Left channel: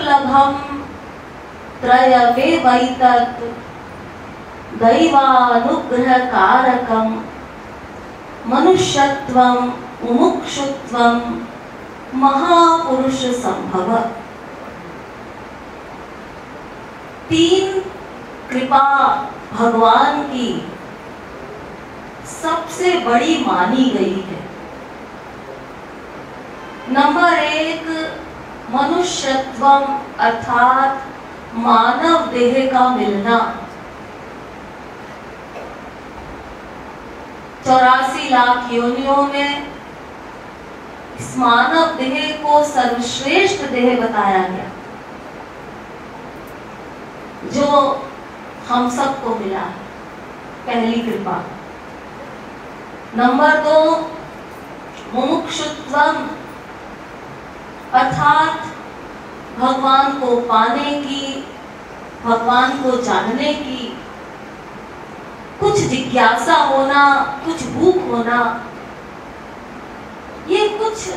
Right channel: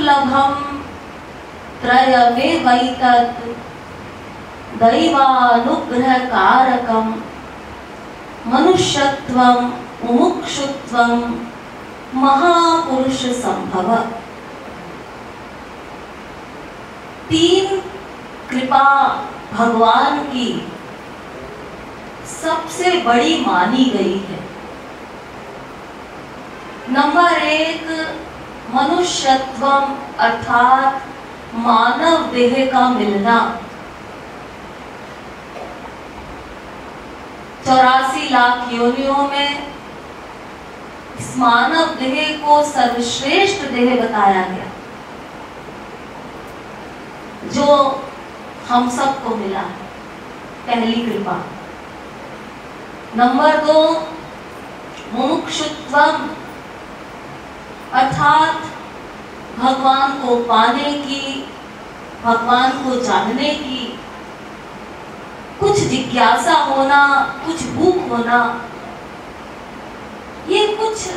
दुर्लभम त्रयमेवैतत् दैवानुग्रह कारकम मनुष्यत्वम मुमुक्षुत्वम महापुरुष संभव। 3 कृपा भगवान की सबसे बड़ी मानी गई है। नंबर 1 मनुष्यत्वम अर्थात मानव देह का मिलना। 84 लाख योनियों में इस मानव देह को सर्वश्रेष्ठ देह बताया गया जो हम सबको मिला है, पहली कृपा। नंबर 2 मुमुक्षुत्वम अर्थात भगवान को पाने की, भगवान को जानने की कुछ जिज्ञासा होना, कुछ भूख होना। ये कुछ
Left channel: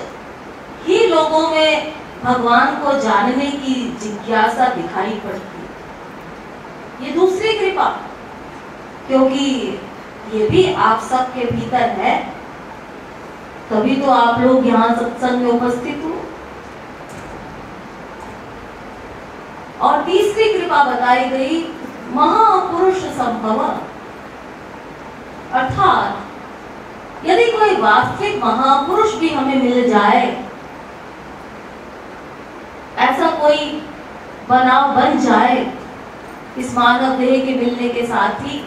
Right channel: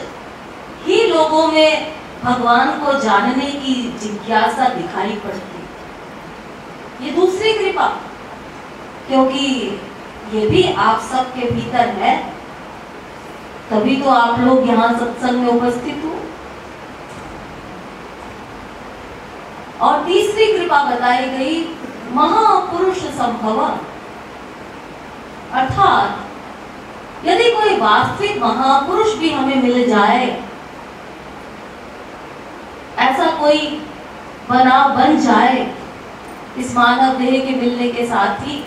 ही लोगों में भगवान को जानने की जिज्ञासा दिखाई पड़ती है। ये दूसरी कृपा, क्योंकि ये भी आप सबके भीतर है, तभी तो आप लोग यहाँ सत्संग में उपस्थित हो। और तीसरी कृपा बताई गई महापुरुष संभव अर्थात यदि कोई वास्तविक महापुरुष भी हमें मिल जाए, ऐसा कोई बनाव बन जाए इस मानव देह के मिलने के साथ ही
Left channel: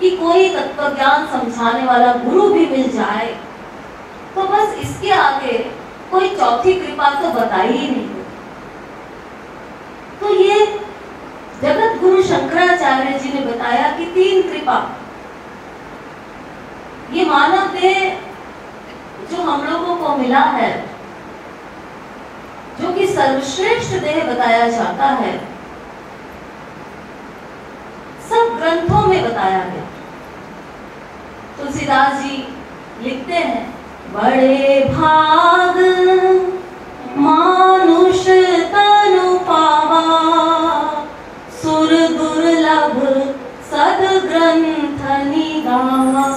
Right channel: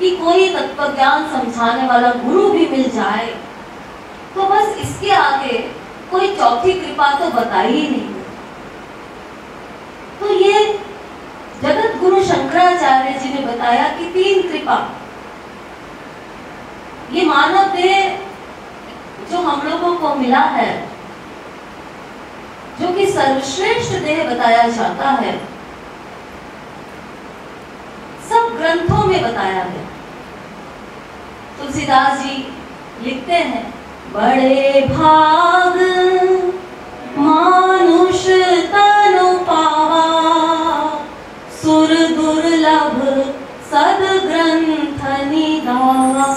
कि कोई तत्वज्ञान समझाने वाला गुरु भी मिल जाए, तो बस इसके आगे कोई चौथी कृपा तो बताई ही नहीं। तो ये जगत गुरु शंकराचार्य जी ने बताया कि 3 कृपा, ये मानव देह जो हम लोगों को मिला है, जो कि सर्वश्रेष्ठ देह बताया जाता है, सब ग्रंथों में बताया है। तुलसीदास जी लिखते हैं, बड़े भाग मानुष तनु पावा, सुर दुर्लभ सद ग्रंथ निगावा,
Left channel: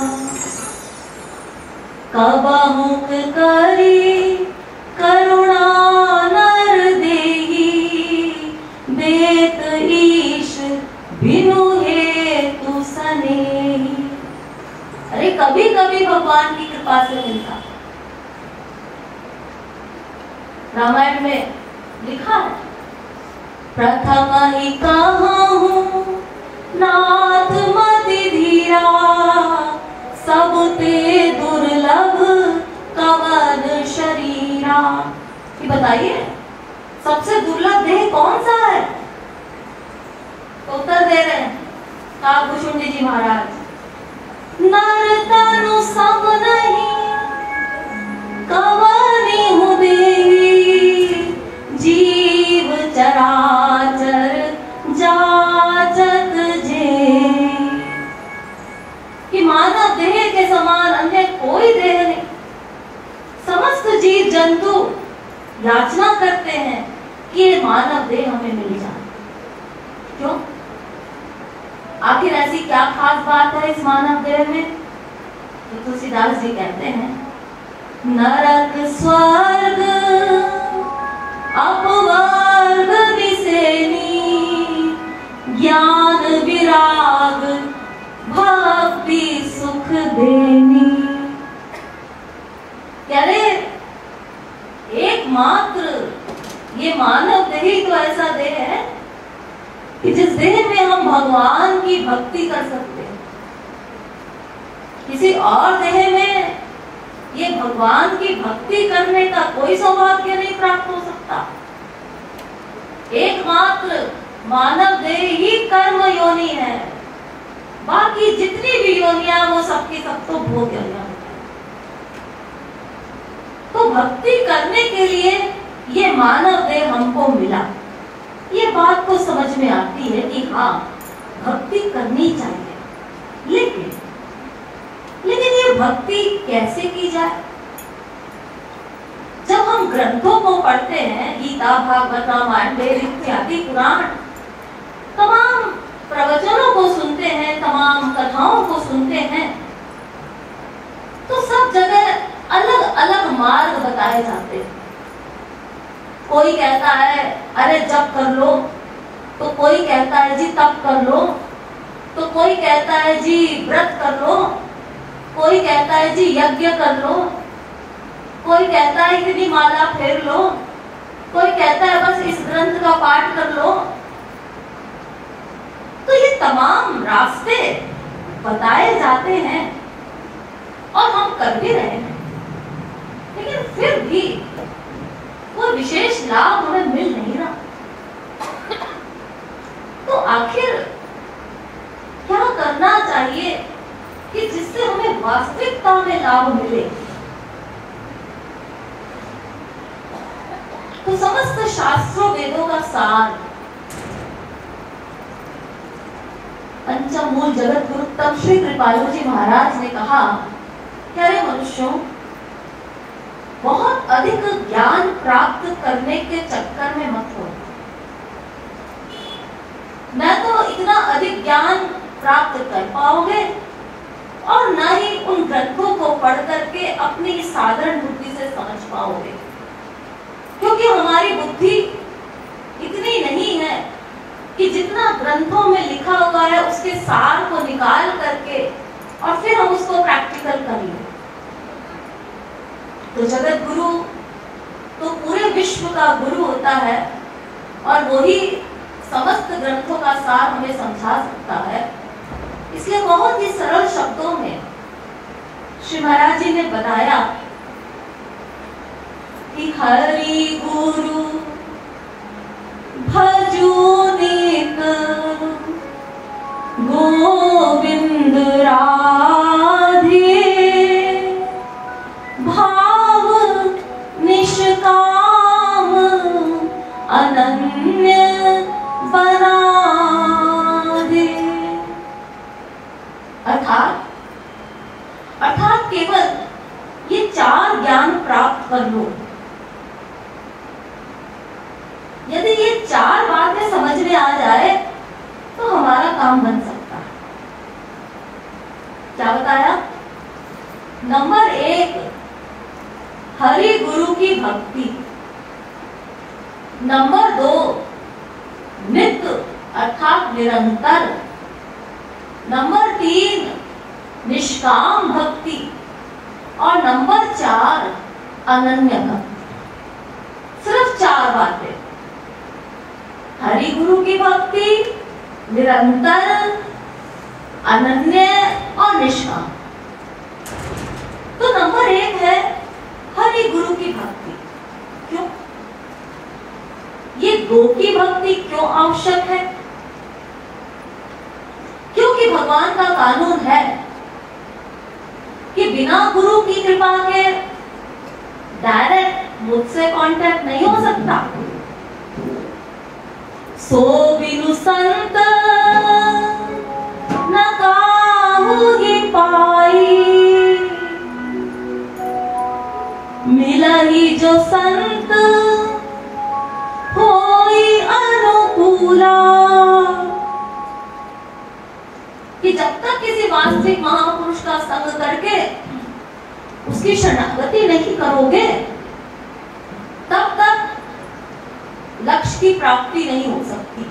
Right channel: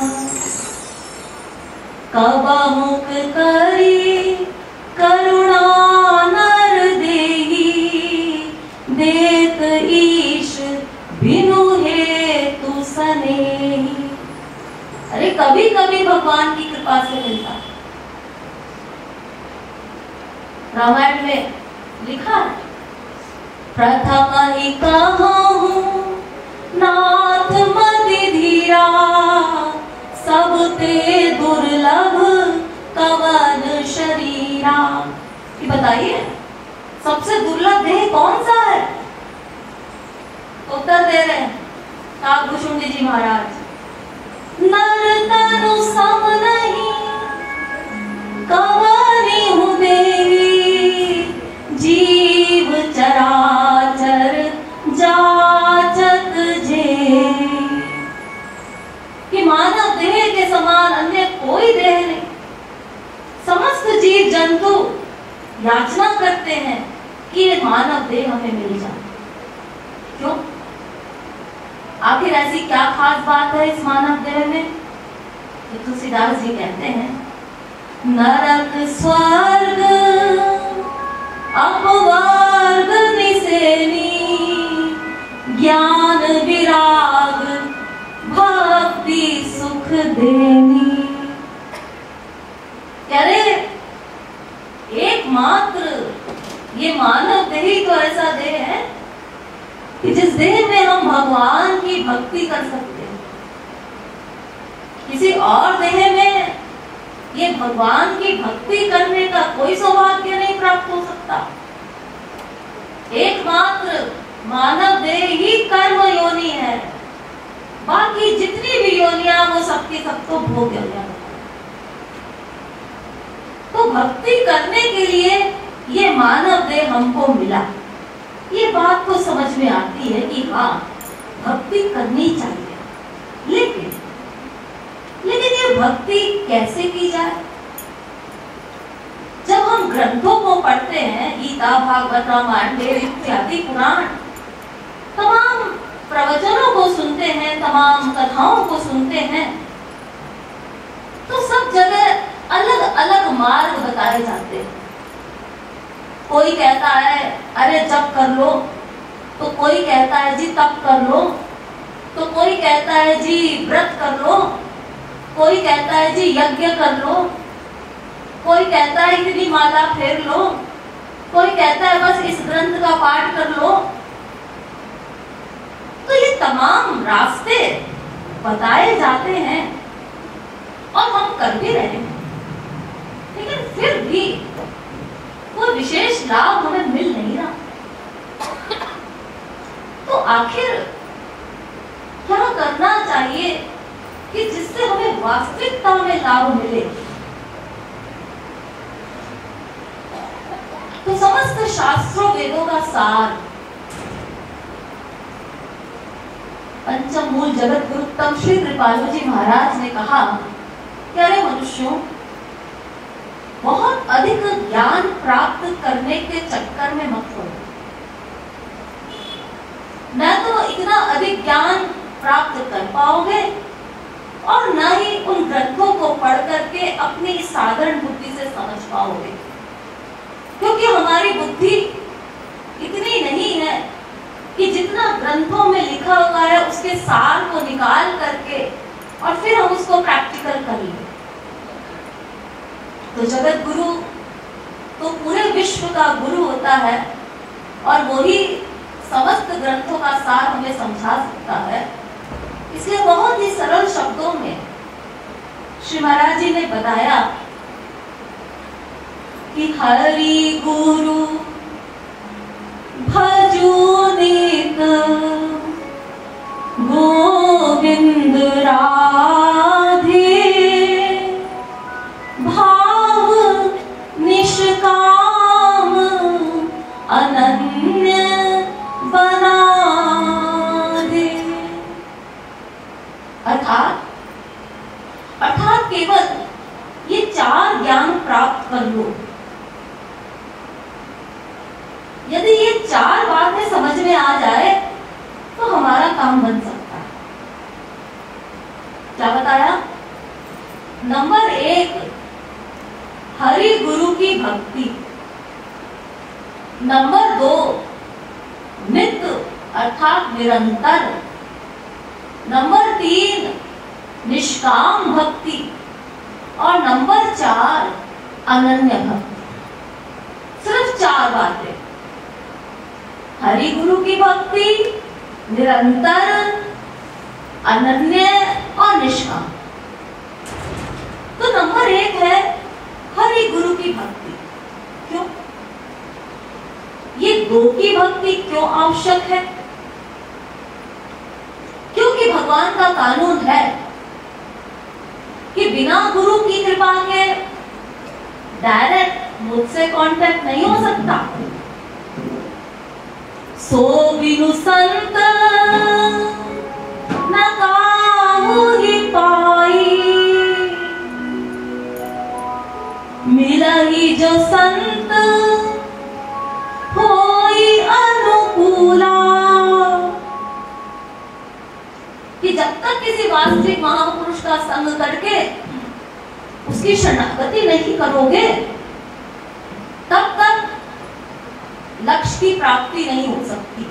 कबहुक करी करुणा नर देही, देत ईश बिनु हेतु सनेही। अरे कभी कभी भगवान की कृपा से मिलता। रामायण में लिखा है, प्रथम ही कहूं नाथ मति धीरा, सब ते दुर्लभ कवन शरीरा। ये बताइए सबसे दुर्लभ देह कौन सा है? उत्तर दे रहे हैं काकभूषुंडी जी महाराज, नर तनु सम नहीं कवनी हूँ देही, जीव चराचर जाचक जे। कि मानव देह के समान अन्य कोई देह नहीं। समस्त जीव जंतु याचना करते हैं कि ये मानव देह हमें मिल जाए। क्यों? आखिर ऐसी क्या खास बात है इस मानव देह में? तो तुलसीदास जी कहते हैं, नरक स्वर्ग अपवर्ग निसेनी, ज्ञान विराग भक्ति सुख देनी। अरे एकमात्र ये मानव देह ही तो ऐसा देह है कि जिस देह में हम भगवान की भक्ति कर सकते हैं। किसी और देह में ये भगवान की भक्ति करने का कोई सौभाग्य नहीं प्राप्त हो सकता। एकमात्र मानव देह ही कर्म योनि है, बाकी जितनी भी योनियां वो सबकी सब तो भोग योनियां। तो भक्ति करने के लिए ये मानव देह हमको मिला। ये बात तो समझ में आती है कि हाँ भक्ति करनी चाहिए, लेकिन ये भक्ति कैसे की जाए? जब हम हम ग्रंथों को पढ़ते हैं, गीता, भागवत, रामायण, देव इत्यादि पुराण, तमाम प्रवचनों को सुनते हैं, तमाम कथाओं को सुनते हैं, तो सब जगह अलग अलग मार्ग बताए जाते हैं। कोई कहता है अरे जप कर लो, तो कोई कहता है जी तप कर लो, तो कोई कहता है जी व्रत कर लो, कोई कहता है जी यज्ञ कर लो, कोई कहता है इतनी माला फेर लो, कोई कहता है बस इस ग्रंथ का पाठ कर लो। तो ये तमाम रास्ते बताए जाते हैं और हम कर भी रहे हैं, लेकिन फिर भी वो विशेष लाभ हमें मिल नहीं रहा। तो आखिर क्या करना चाहिए कि जिससे हमें वास्तविकता में लाभ मिले? तो समस्त शास्त्रों वेदों का सार, पंचम मूल जगत गुरुत्तम श्री कृपालु जी महाराज ने कहा कि अरे मनुष्यों, बहुत अधिक ज्ञान प्राप्त करने के चक्कर में मत पड़ो। न तो इतना अधिक ज्ञान प्राप्त कर पाओगे और न ही उन ग्रंथों को पढ़ करके अपनी साधारण बुद्धि से समझ पाओगे, क्योंकि हमारी बुद्धि इतनी नहीं है कि जितना ग्रंथों में लिखा हुआ है उसके सार को निकाल करके और फिर हम उसको प्रैक्टिकल कर लें। तो जगत गुरु तो पूरे विश्व का गुरु होता है और वही समस्त ग्रंथों का सार हमें समझा सकता है। इसलिए बहुत ही सरल शब्दों में श्री महाराज जी ने बताया कि हरि गुरु भजो नित गोविंद राधे, भाव निष्काम अनन्य बना दे। अर्थात केवल ये चार ज्ञान प्राप्त कर लो। यदि ये चार बातें समझ में आ जाए तो हमारा काम बन सकता है। क्या बताया? नंबर 1, हरि गुरु की भक्ति। नंबर 2, नित्य अर्थात निरंतर। नंबर 3, निष्काम भक्ति। और नंबर 4, अनन्य भक्ति। सिर्फ 4 बातें, हरि गुरु की भक्ति, निरंतर, अनन्य और निष्काम। तो नंबर 1 है हरि गुरु की भक्ति। क्यों? ये 2 की भक्ति क्यों आवश्यक है? क्योंकि भगवान का कानून है कि बिना गुरु की कृपा के डायरेक्ट मुझसे कांटेक्ट नहीं हो सकता। सो बिनु संत न काहू ही पाई, मिला ही जो संत होई अनुकूला। कि जब तक किसी वास्तविक महापुरुष का संग करके उसकी शरणागति नहीं करोगे, तब तक लक्ष्य की प्राप्ति नहीं हो सकती,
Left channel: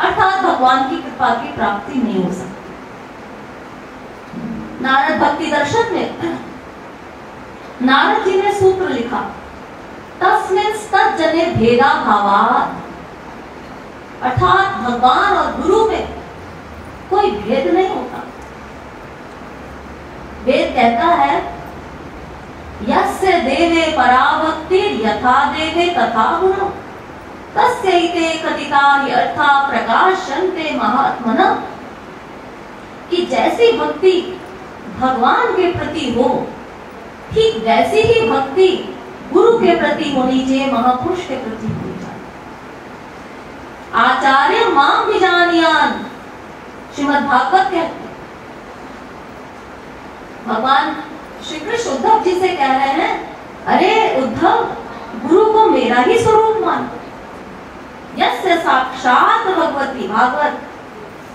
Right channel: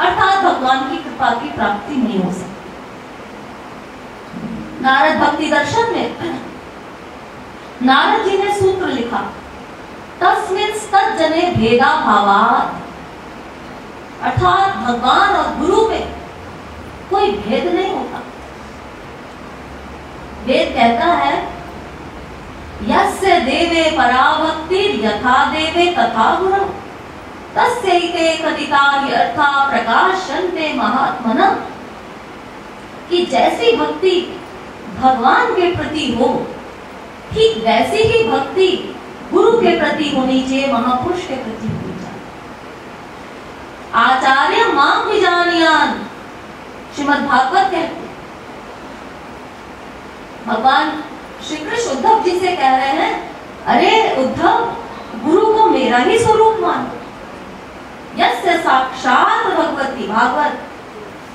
अर्थात भगवान की कृपा की प्राप्ति नहीं हो सकती। नारद भक्ति दर्शन में नारद जी ने सूत्र लिखा, तस्मिंस्तज्जने भेदा भावात्, अर्थात भगवान और गुरु में कोई भेद नहीं होता। वेद कहता है यस्य देवे पराभक्ति यथा देवे तथा गुरु तस्यैते कथिता हि अर्था प्रकाशन्ते महात्मनः। कि जैसी भक्ति भगवान के प्रति हो, ठीक वैसी ही भक्ति गुरु के प्रति होनी चाहिए, महापुरुष के प्रति होनी चाहिए। आचार्य मां विजानीयान, श्रीमद् भागवत कहते हैं। भगवान श्री कृष्ण उद्धव जी से कह रहे हैं, अरे उद्धव, गुरु को मेरा ही स्वरूप मानो। यस्य साक्षात भगवती भागवत,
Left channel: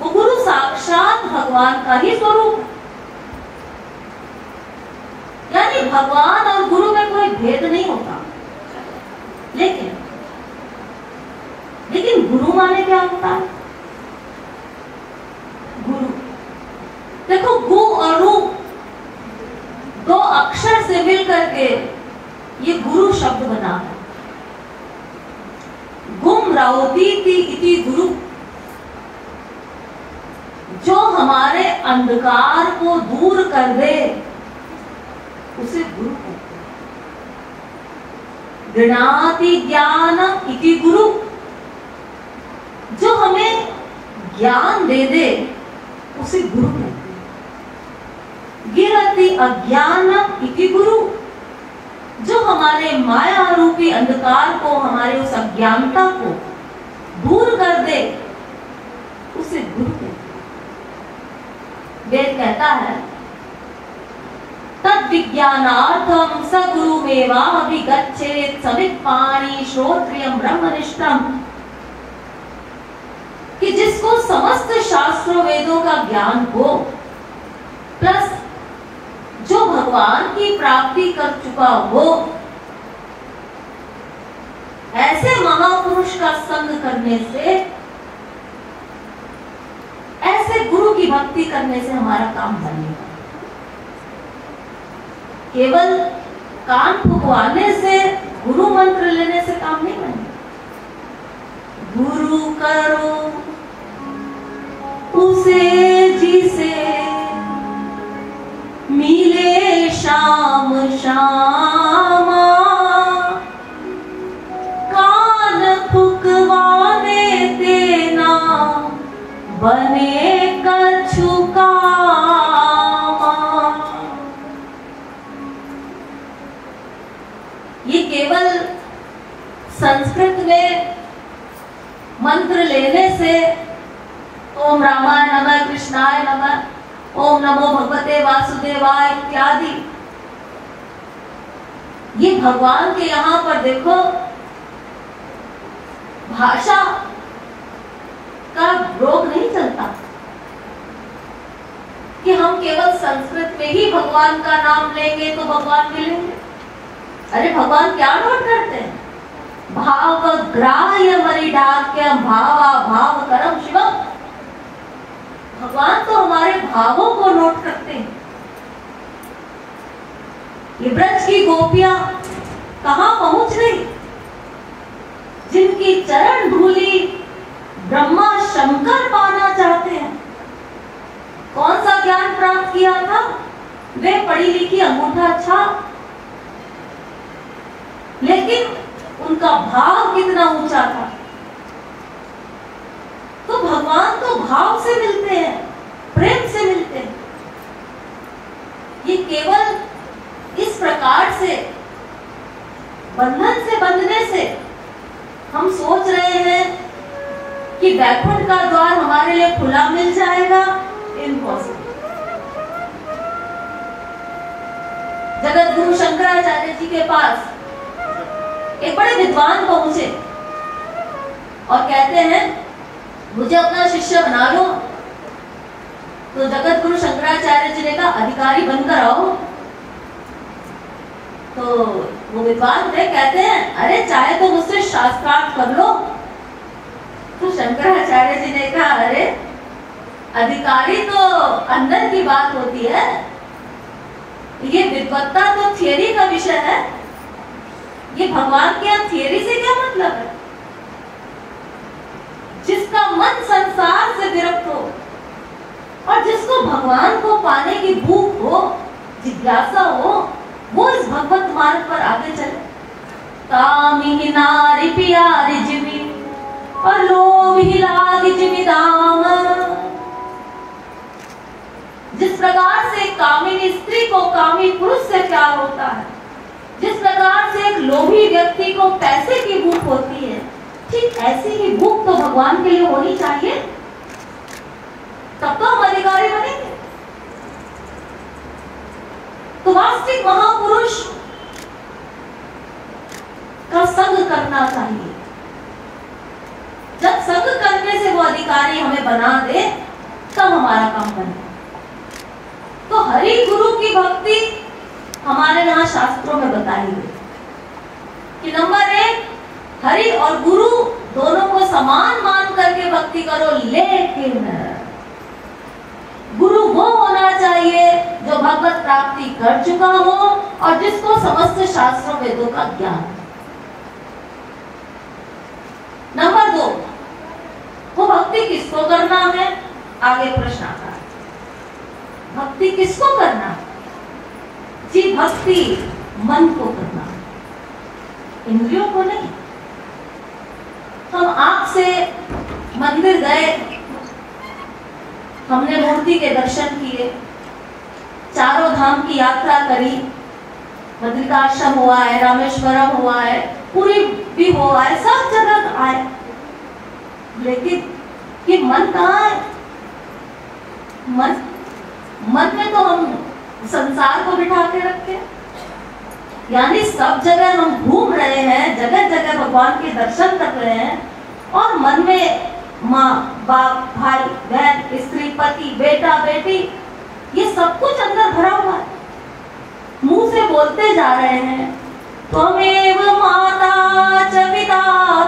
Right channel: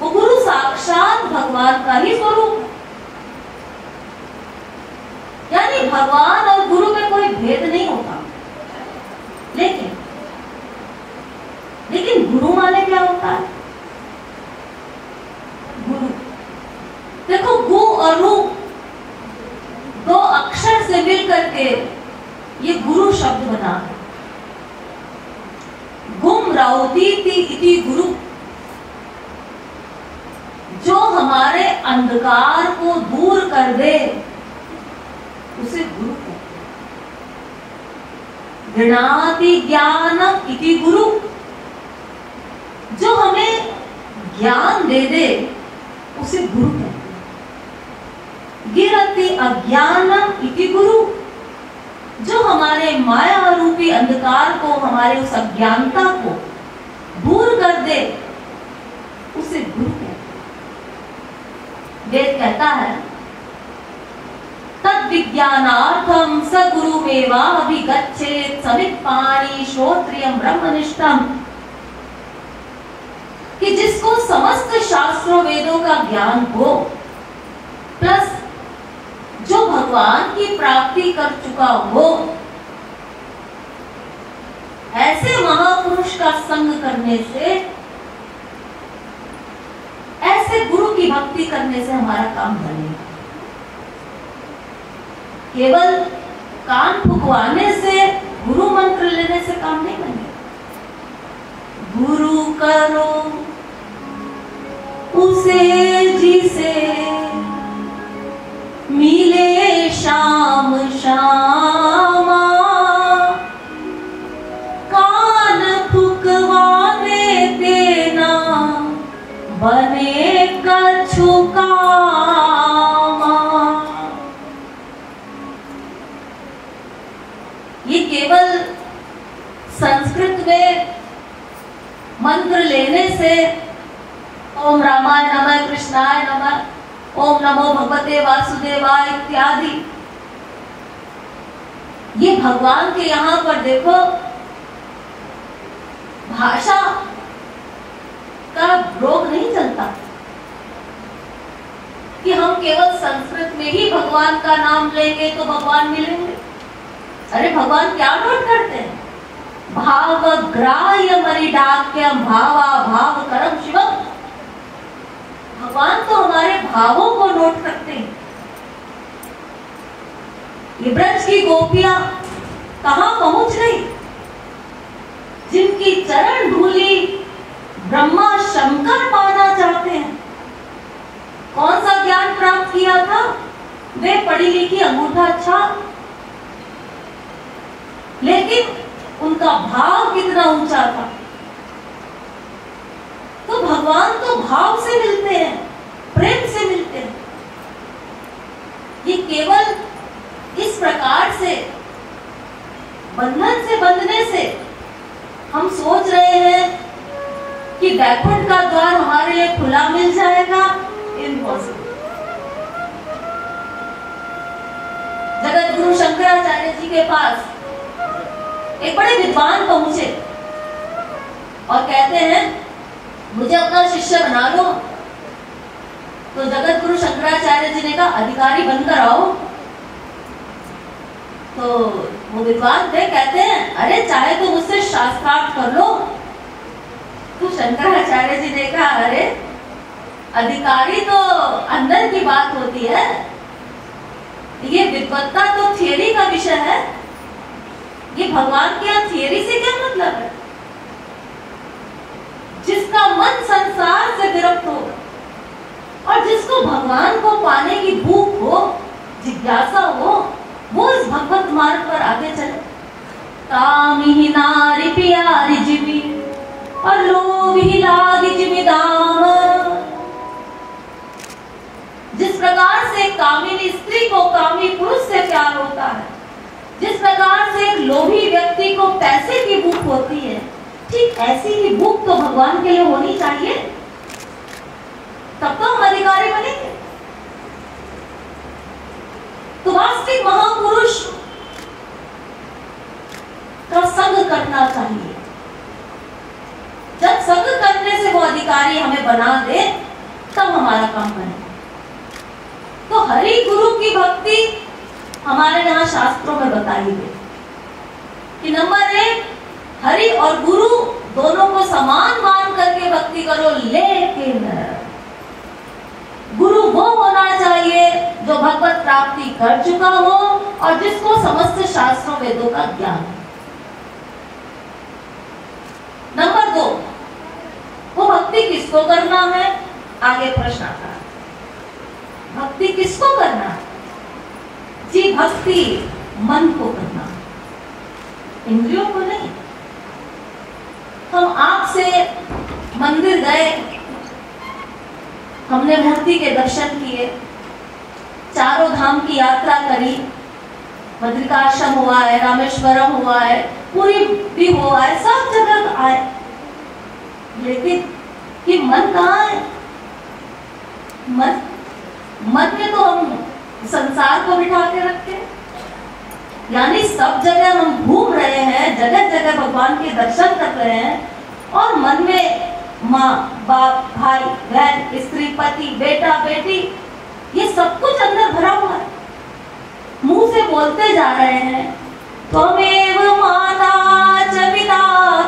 वो गुरु साक्षात भगवान का ही स्वरूप है। यानी भगवान और गुरु में कोई भेद नहीं होता। लेकिन गुरु माने क्या होता है? गुरु, देखो गु और रु दो अक्षर से मिल करके ये गुरु शब्द बना है। गुम रौदीति इति गुरु, जो हमारे अंधकार को दूर कर दे उसे गुरु कहते हैं। गृणाति ज्ञान इति गुरु, जो हमें ज्ञान दे दे उसे गुरु कहते हैं। गिरति अज्ञानम इति गुरु, जो हमारे माया रूपी अंधकार को, हमारे उस अज्ञानता को दूर कर दे उसे गुरु कहते हैं। वेद कहता है तद विज्ञानार्थम स गुरुमेवाभिगच्छेत् समित्पाणि श्रोत्रियम ब्रह्मनिष्ठम, कि जिसको समस्त शास्त्रों वेदों का ज्ञान हो, प्लस जो भगवान की प्राप्ति कर चुका हो, ऐसे महापुरुष का संग करने से, ऐसे गुरु की भक्ति करने से हमारा काम बनेगा। केवल कान फुकवाने से, गुरु मंत्र लेने से काम नहीं बनेगा। गुरु करो उसे जिसे मिले शाम शामा, कान फुकवाने देना बने कछु कामा। ये केवल संस्कृत में मंत्र लेने से, ओम रामाय नमः, कृष्णाय नमः, ओम नमो भगवते वासुदेवाय इत्यादि, ये भगवान के यहाँ पर देखो भाषा का रोग नहीं चलता कि हम केवल संस्कृत में ही भगवान का नाम लेंगे तो भगवान मिलेंगे। अरे भगवान क्या नोट करते हैं? भाव ग्राह्य मरिडाक्यम भावा भाव करम शिवम। भगवान तो हमारे भावों को नोट करते हैं। ये ब्रज की गोपियां कहां पहुंच गई? जिनकी चरण धूली ब्रह्मा शंकर पाना चाहते हैं। कौन सा ज्ञान प्राप्त किया था? वे पढ़ी लिखी अंगूठा छाप, लेकिन उनका भाव कितना ऊंचा था। तो भगवान तो भाव से मिलते हैं, प्रेम से मिलते हैं। ये केवल इस प्रकार से बंधन से बंधने से हम सोच रहे हैं कि वैकुंठ का द्वार हमारे लिए खुला मिल जाएगा। इम्पॉसिबल। जगत गुरु शंकराचार्य जी के पास एक बड़े विद्वान पहुंचे और कहते हैं मुझे अपना शिष्य बना लो। तो जगत गुरु शंकराचार्य जी ने कहा अधिकारी बनकर आओ। तो वो विद्वान थे, कहते हैं अरे चाहे तो मुझसे शास्त्रार्थ कर लो। तो शंकराचार्य जी ने कहा अरे अधिकारी तो अंदर की बात होती है, ये विद्वत्ता तो थियरी का विषय है। ये भगवान के यहाँ थियरी से क्या मतलब है? जिसका मन संसार से विरक्त हो और जिसको भगवान को पाने की भूख हो, जिज्ञासा हो, वो इस भगवत मार्ग पर आगे चले। कामी नारी प्यारी जिमी और लोभी लागी जिमीदाम। जिस प्रकार से कामिनी स्त्री को कामी पुरुष से प्यार होता है, जिस प्रकार से एक लोभी व्यक्ति को पैसे की भूख होती है, ठीक ऐसी ही भूख तो भगवान के लिए होनी चाहिए, तब तो हम अधिकारी बनेंगे। तो वास्तविक महापुरुष का करना चाहिए। जब संग करने से वो अधिकारी हमें बना दे तब हमारा काम बनेगा। तो हरि गुरु की भक्ति हमारे यहाँ शास्त्रों में बताई गई कि नंबर 1, हरि और गुरु दोनों को समान मान करके भक्ति करो, लेकिन गुरु वो होना चाहिए जो भगवत प्राप्ति कर चुका हो और जिसको समस्त शास्त्रों वेदों का ज्ञान है। नंबर 2, वो भक्ति किसको करना है? आगे प्रश्न आता है, भक्ति किसको करना है? जी, भक्ति मन को करना है, इंद्रियों को नहीं। हम आंख से मंदिर गए, हमने मूर्ति के दर्शन किए, चारों धाम की यात्रा करी, बद्रिकाश्रम हुआ है, रामेश्वरम हुआ है, पुरी भी हुआ है, सब जगह आए, लेकिन ये मन कहाँ है? मन में तो हम संसार को बिठा के रखे, यानी सब जगह हम घूम रहे हैं, जगह जगह भगवान के दर्शन कर रहे हैं और मन में माँ बाप, भाई बहन, स्त्री पति, बेटा बेटी, ये सब कुछ अंदर भरा हुआ है। मुंह से बोलते जा रहे हैं, त्वमेव माता च पिता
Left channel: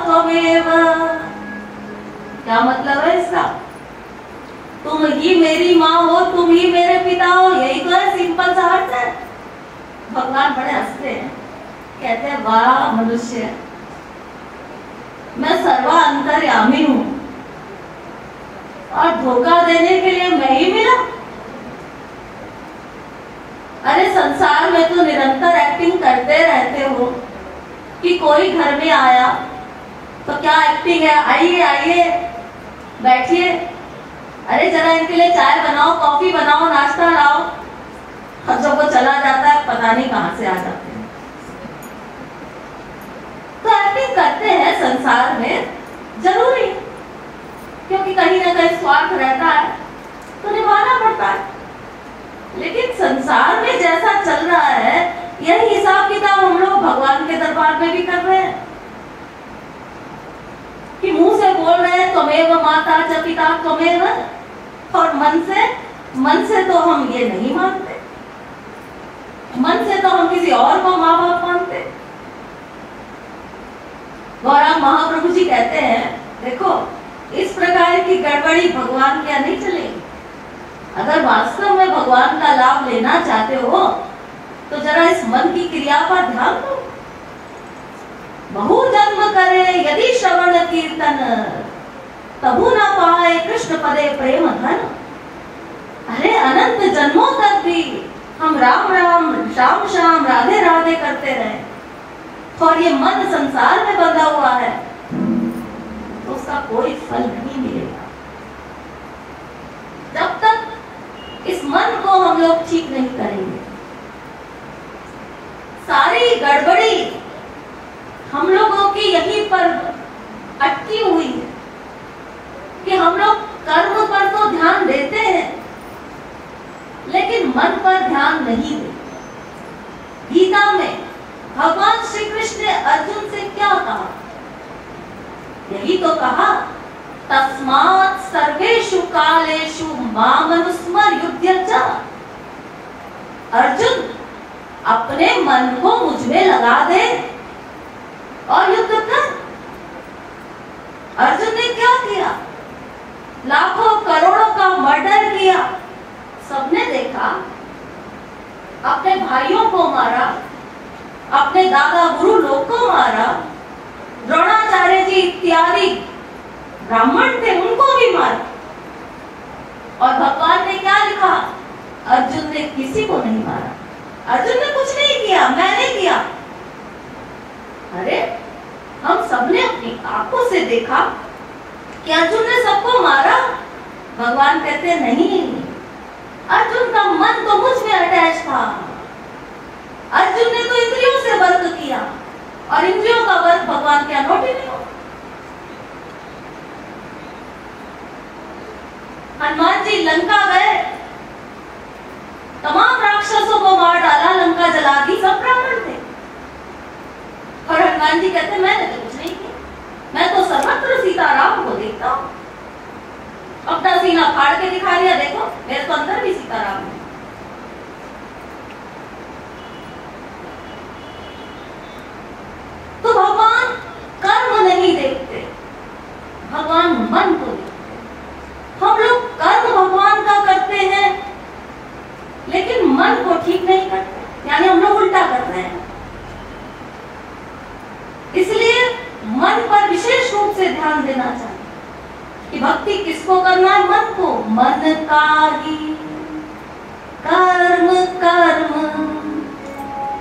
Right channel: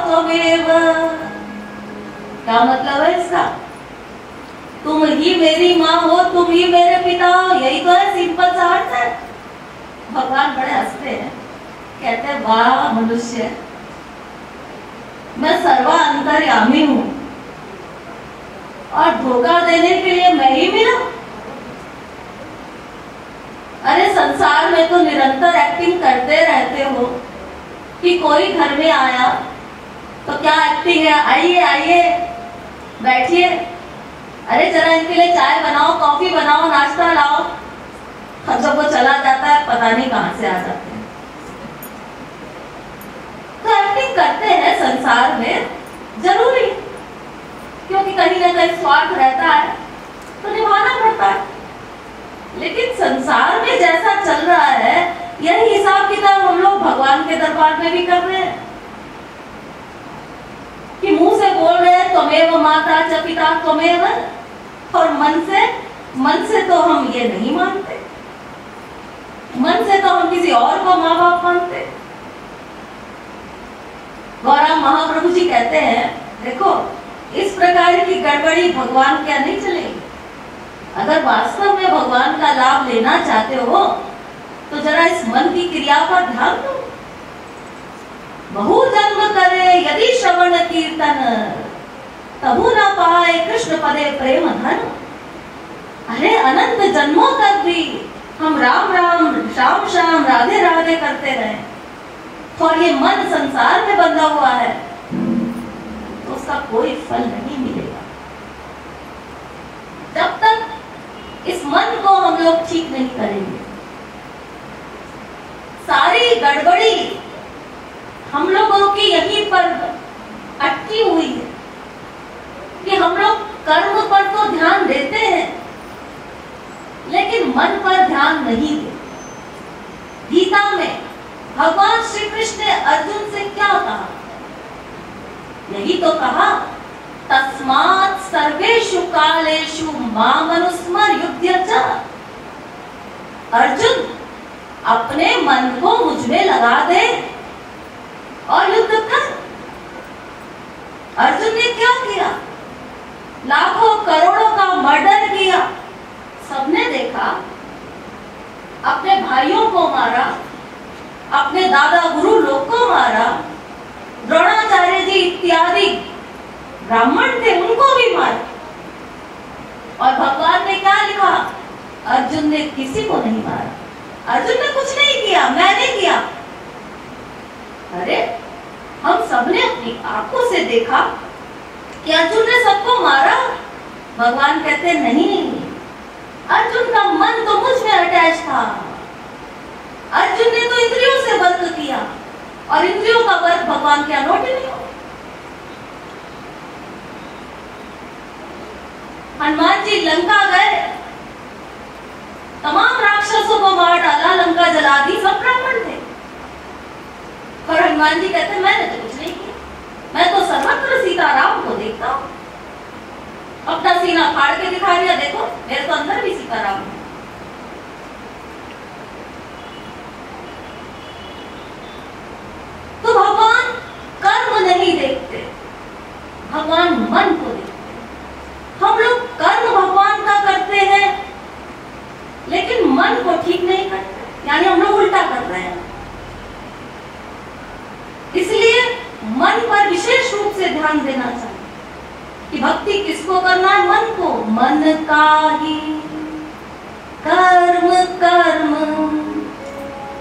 त्वमेव। क्या मतलब है इसका? तुम ही मेरी माँ हो, तुम ही मेरे पिता हो, यही तो है, सिंपल सा अर्थ है। भगवान बड़े हंसते हैं, कहते हैं वाह मनुष्य, मैं सर्वा अंतर्यामी हूँ और धोखा देने के लिए मैं ही मिला। अरे संसार में तो निरंतर एक्टिंग करते रहते हो कि कोई घर में आया तो क्या एक्टिंग है, आइए आइए बैठिए, अरे जरा इनके लिए चाय बनाओ, कॉफी बनाओ, नाश्ता लाओ। अब जब वो चला जाता है पता नहीं कहां से आ जाते हैं। तो एक्टिंग करते हैं संसार में, जरूरी, क्योंकि कहीं ना कहीं स्वार्थ रहता है तो निभाना पड़ता है। लेकिन संसार में जैसा चल रहा है यही हिसाब किताब हम लोग भगवान के दरबार में भी कर रहे हैं कि मुंह से बोल रहे हैं त्वमेव माता च पिता त्वमेव, और मन से तो हम ये नहीं मानते, मन से तो हम किसी और को माँ बाप मानते। गौराम महाप्रभु जी कहते हैं, देखो इस प्रकार की गड़बड़ी भगवान क्या नहीं चलेगी। अगर वास्तव में भगवान का लाभ लेना चाहते हो तो जरा इस मन की क्रिया पर ध्यान दो। बहु जन्म करे यदि श्रवण कीर्तन, तबु न पाए कृष्ण पदे प्रेम धन। अरे अनंत जन्मों तक भी हम राम राम श्याम श्याम राधे राधे करते रहे और ये मन संसार में बंधा हुआ है तो उसका कोई फल नहीं मिलेगा। जब तक इस मन को हम लोग ठीक नहीं करेंगे, सारी गड़बड़ी हम लोगों की यहीं पर अटकी हुई है कि हम लोग कर्म पर तो ध्यान देते हैं लेकिन मन पर ध्यान नहीं देते। गीता में भगवान श्री कृष्ण ने अर्जुन से क्या कहा? यही तो कहा, तस्मात् सर्वेषु कालेषु मामनुस्मर युध्य च। अर्जुन अपने मन को मुझ में लगा दे और युद्ध कर। अर्जुन ने क्या किया? लाखों करोड़ों का मर्डर किया, सबने देखा, अपने भाइयों को मारा, अपने दादा गुरु लोग को मारा, द्रोणाचार्य जी इत्यादि ब्राह्मण थे उनको भी मारा। और भगवान ने क्या लिखा? अर्जुन ने किसी को नहीं मारा, अर्जुन ने कुछ नहीं किया, मैंने किया। अरे हम सबने अपनी आंखों से देखा कि अर्जुन ने सबको मारा। भगवान कहते नहीं, अर्जुन का मन तो मुझ में अटैच था, अर्जुन ने तो इंद्रियों से वर्क किया और इंद्रियों का वर्क भगवान के अनोट नहीं हो। हनुमान जी लंका गए, तमाम राक्षसों को मार डाला, लंका जला दी, सब ब्राह्मण थे। और हनुमान जी कहते मैंने तो कुछ मैं तो सर्वत्र सीताराम को देखता हूं। अपना सीना फाड़ के दिखा दिया, देखो मेरे तो अंदर भी सीताराम है। तो भगवान कर्म नहीं देखते, भगवान मन को देखते। हम लोग कर्म भगवान का करते हैं लेकिन मन को ठीक नहीं करते, यानी हम लोग उल्टा कर रहे हैं। इसलिए मन पर विशेष रूप से ध्यान देना चाहिए कि भक्ति किसको करना है, मन को। मन का ही कर्म कर्म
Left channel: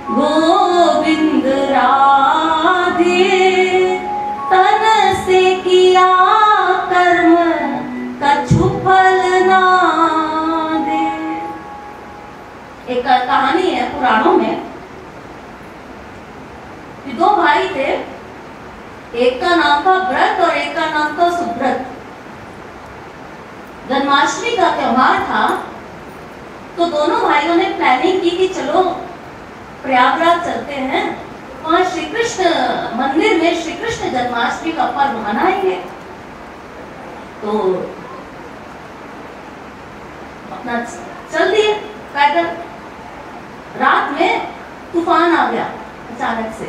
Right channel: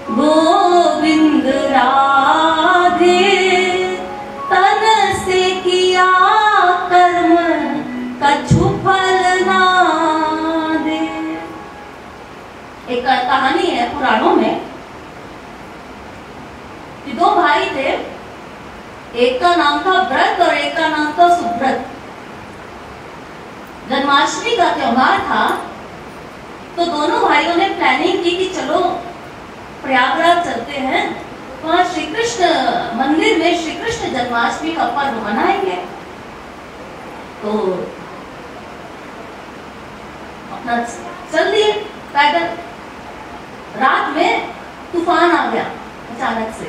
गोविंद राधे, तन से किया कर्म कछु फल ना दे। एक कहानी है पुराणों में कि दो भाई थे, एक का नाम था व्रत और एक का नाम था सुव्रत। जन्माष्टमी का त्योहार था तो दोनों भाइयों ने प्लानिंग की कि चलो प्रयागराज चलते हैं, वहां श्री कृष्ण मंदिर में श्री कृष्ण जन्माष्टमी का पर्व मनाएंगे। तो अपना चल दिए पैदल। रात में तूफान आ गया अचानक से,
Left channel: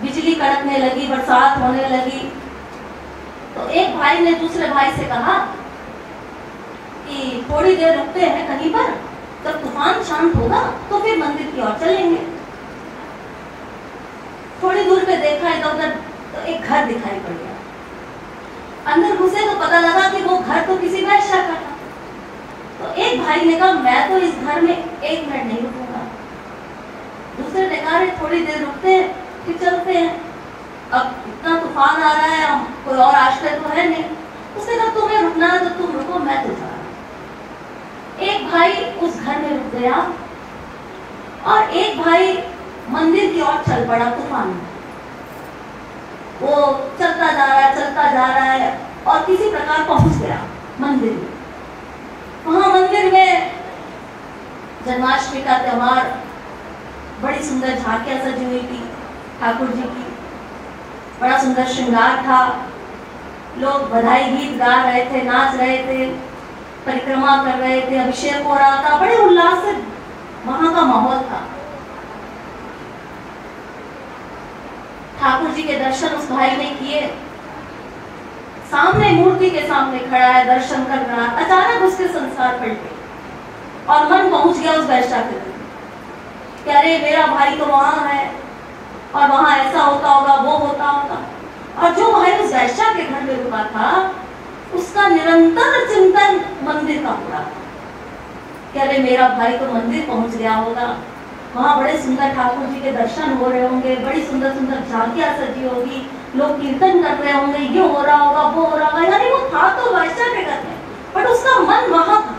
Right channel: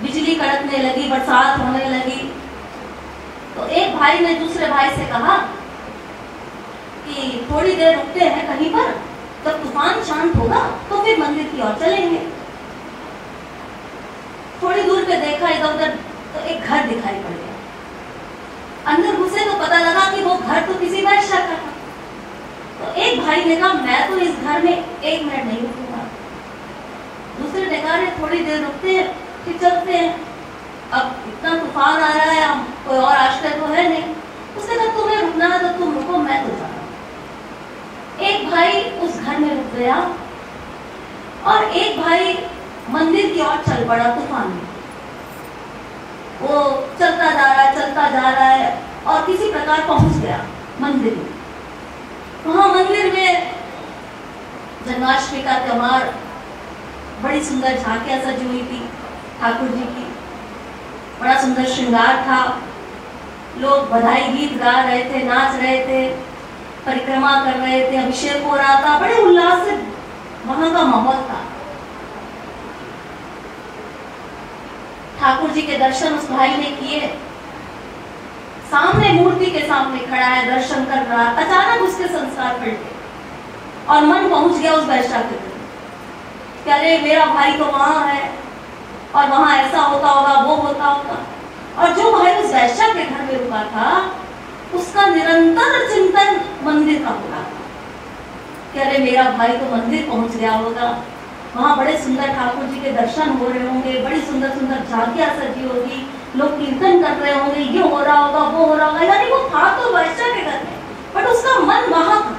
बिजली कड़कने लगी, बरसात होने लगी। तो एक भाई ने दूसरे भाई से कहा कि थोड़ी देर रुकते हैं कहीं पर, जब तूफान शांत होगा तो फिर मंदिर की ओर चलेंगे। थोड़ी दूर पे देखा इधर उधर तो एक घर दिखाई पड़ गया। अंदर घुसे तो पता लगा कि वो घर तो किसी वैश्या का था। तो एक भाई ने कहा मैं तो इस घर में 1 मिनट नहीं रुकूंगा। दूसरे ने कहा थोड़ी देर रुकते हैं फिर चलते हैं, अब इतना तूफान आ रहा है, हम कोई और आश्रय तो है नहीं। उसने कहा तुम्हें रुकना है तो तुम रुको, मैं तो जा रहा हूं। एक भाई उस घर में रुक गया और एक भाई मंदिर की ओर चल पड़ा तूफान में। वो चलता जा रहा है और किसी प्रकार पहुंच गया मंदिर में। वहां मंदिर में जन्माष्टमी का त्योहार, बड़ी सुंदर झांकियां सजी हुई थी ठाकुर जी की, बड़ा सुंदर श्रृंगार था। लोग बधाई गीत गा रहे थे, नाच रहे थे, परिक्रमा कर रहे थे, अभिषेक हो रहा था, बड़े उल्लास से वहां का माहौल था। ठाकुर जी के दर्शन उस भाई ने किए, सामने मूर्ति के सामने खड़ा है, दर्शन कर रहा। अचानक उसके संस्कार पलटे और मन पहुंच गया उस वैश्या के घर कि अरे मेरा भाई तो वहां है और वहां ऐसा होता होगा, वो होता होगा। और जो भाई उस वैश्या के घर में रुका था उसका निरंतर चिंतन मंदिर का हो रहा था कि अरे मेरा भाई तो मंदिर पहुंच गया होगा, वहां बड़े सुंदर ठाकुर जी के दर्शन हो रहे होंगे, बड़ी सुंदर सुंदर झांकियां सजी होगी, लोग कीर्तन कर रहे होंगे, ये हो रहा होगा, वो हो रहा होगा। यानी वो था तो वैश्या के घर में, बट उसका मन वहां था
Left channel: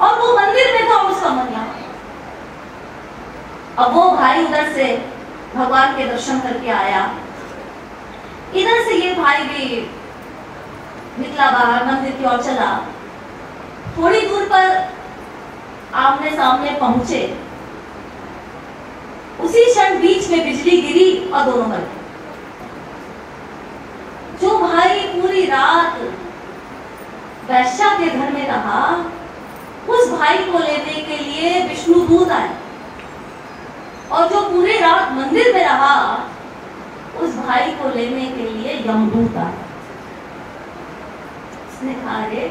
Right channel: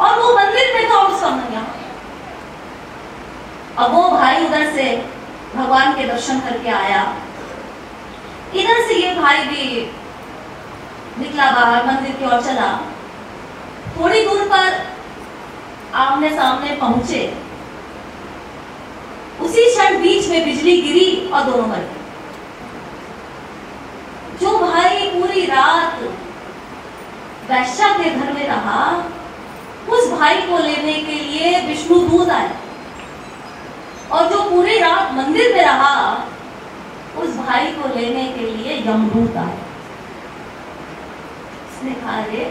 और वो मंदिर में था और उसका मन यहाँ। अब वो भाई उधर से भगवान के दर्शन करके आया, इधर से ये भाई भी निकला बाहर, मंदिर की ओर चला। थोड़ी दूर पर आमने सामने पहुंचे, उसी क्षण बीच में बिजली गिरी और दोनों मर गए। जो भाई पूरी रात वैश्या के घर में रहा, उस भाई को लेने के लिए विष्णु दूत आए, और जो पूरी रात मंदिर में रहा, उस भाई को लेने के लिए यमदूत आया। उसने कहा अरे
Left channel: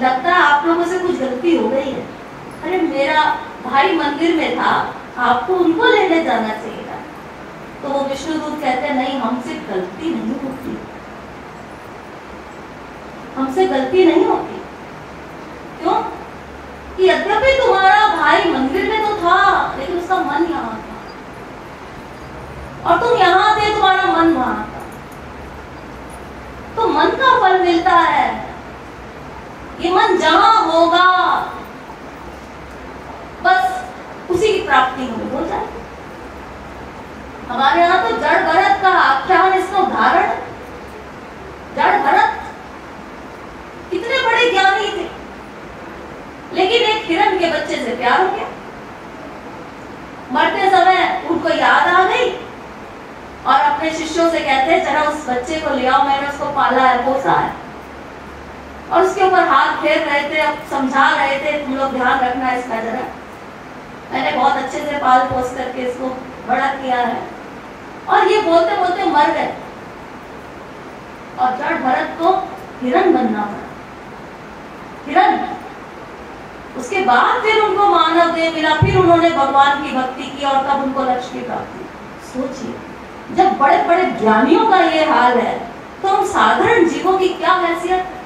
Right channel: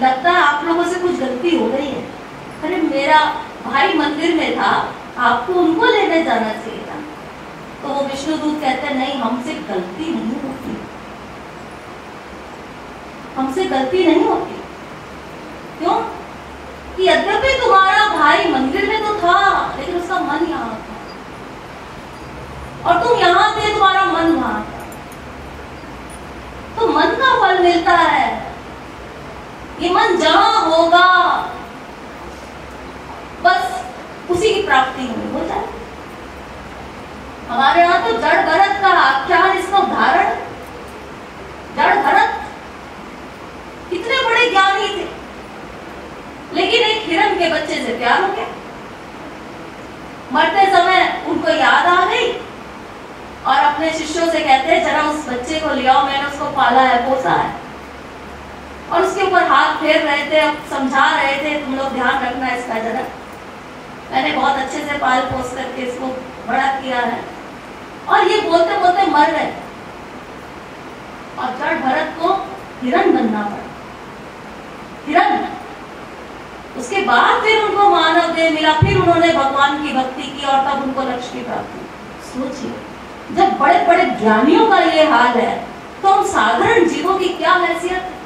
लगता है आप लोगों से कुछ गलती हो गई है, अरे मेरा भाई मंदिर में था, आपको उनको लेने जाना चाहिए था। तो वो विष्णुदूत कहते हैं नहीं, हमसे गलती नहीं होती, हमसे गलती नहीं होती। क्यों? कि यद्यपि तुम्हारा भाई मंदिर में तो था लेकिन उसका मन यहाँ था, और तुम यहाँ थे, तुम्हारा मन वहां था। तो मन का फल मिलता है, ये मन जहां होगा बस उसी की प्राप्ति हमें हो जाए। हमारे यहाँ तो जड़ भरत का आख्यान, इसका उदाहरण। जड़ भरत कितने बड़े ज्ञानी थे, लेकिन एक हिरण के बच्चे से प्यार हो गया। मरते समय उनको याद आ गई और अपने शिष्यों से कहते हैं जरा उस बच्चे को ले आओ, मैंने उसको पाला है, पोसा है, और उसके ऊपर हाथ फेर रहे थे, समझा रहे थे तुम लोग ध्यान रखना इसका जरा, मैंने बहुत अच्छे से पाल पोस करके इसको बड़ा किया है। और ये बोलते बोलते मर गए और जड़ भरत को हिरण बनना पड़ा, हिरण। उसके बाद फिर उनको मानव देह मिला, फिर उन्होंने भगवान की भक्ति की और तब उनको लक्ष्य की प्राप्ति। सोचिए, जब बड़े बड़े ज्ञानियों का ये हाल है तो हम साधारण जीवों की क्या हैसियत है।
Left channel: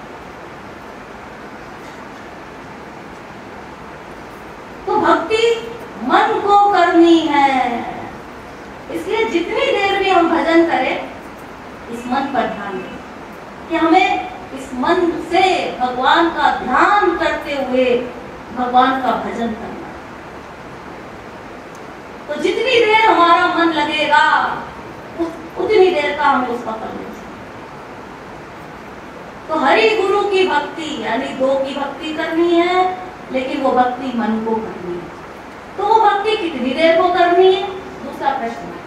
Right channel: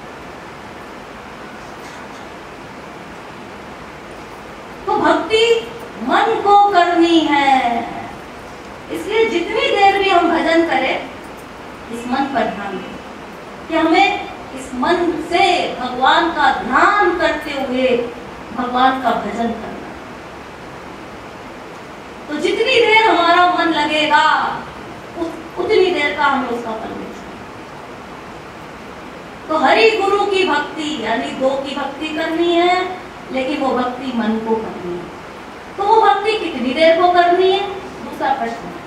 तो भक्ति मन को करनी है, इसलिए जितनी देर भी हम भजन करें इस मन पर ध्यान दें कि हमें इस मन से भगवान का ध्यान करते हुए भगवान का भजन करना। तो जितनी देर हमारा मन लगेगा उतनी देर का हमें उसका फल मिलेगा। तो हरि गुरु की भक्ति यानी दो की भक्ति करनी है, लेकिन वो भक्ति मन को करनी है। तो वो भक्ति कितनी देर को करनी है, दूसरा प्रश्न है।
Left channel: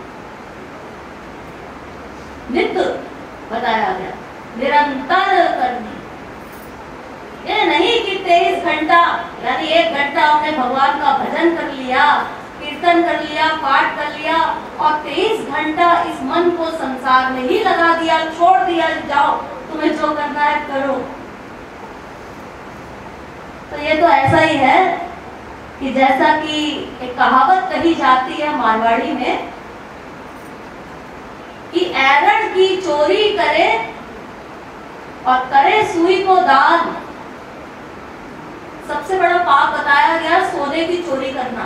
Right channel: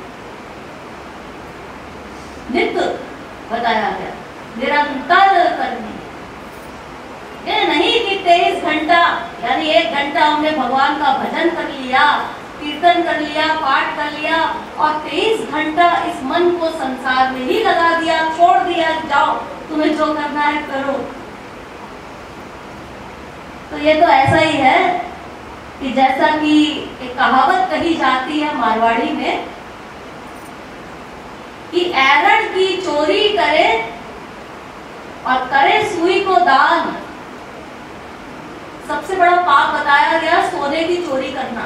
नित्य बताया गया, निरंतर करनी है। ये नहीं कि 23 घंटा यानी 1 घंटा हमने भगवान का भजन कर लिया, कीर्तन कर लिया, पाठ कर लिया और 23 घंटा इस मन को संसार में ही लगा दिया, छोड़ दिया, जाओ तुम्हें जो करना है करो। तो ये तो ऐसा ही है कि जैसा कि एक कहावत कही जाती है मारवाड़ी में कि ऐरण की चोरी करे और करे सुई को दान। सबसे बड़ा पाप बताया गया सोने की चोरी करना,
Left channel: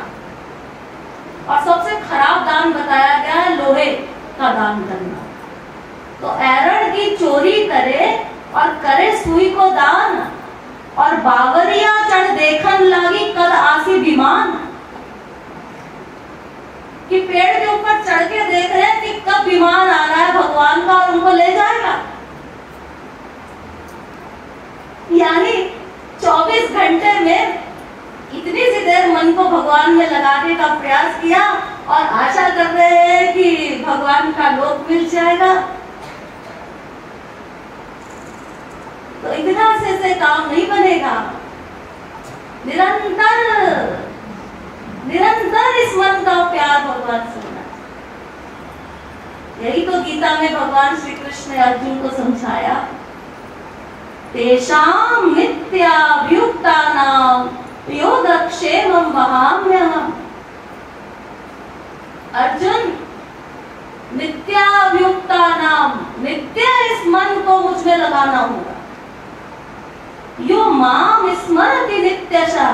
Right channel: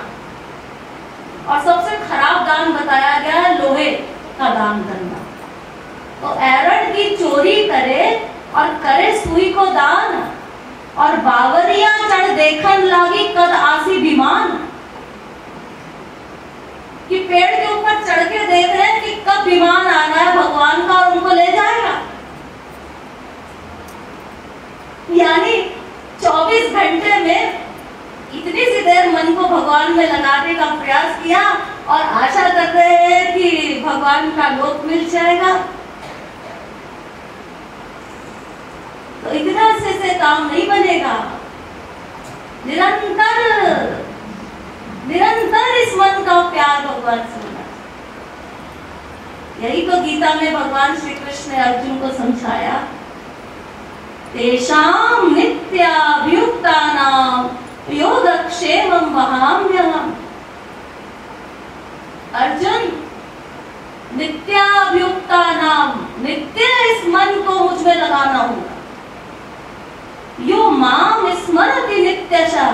और सबसे खराब दान बताया गया है लोहे का दान करना। तो ऐरण की चोरी करे और करे सुई को दान, और बावरिया चढ़ देखन लागी कद आसी विमान। कि पेड़ के ऊपर चढ़ के देख रहे हैं कि कब विमान आ रहा है भगवान का और उनको ले जाएगा। यानी 24 घंटे में इतनी सी देर मन को भगवान में लगाने का प्रयास किया और आशा कर रहे हैं कि भगवान का लोक मिल जाएगा। तो इतना से काम नहीं बनेगा। निरंतर निरंतर इस मन का प्यार भगवान से होना। यही तो गीता में भगवान श्री कृष्ण ने अर्जुन को समझाया, तेषां नित्याभियुक्तानां योगक्षेमं वहाम्यहम्। अर्जुन, नित्याभियुक्तानां, नित्य इस मन को मुझ में लगाना होगा। यो माम स्मरति नित्यशः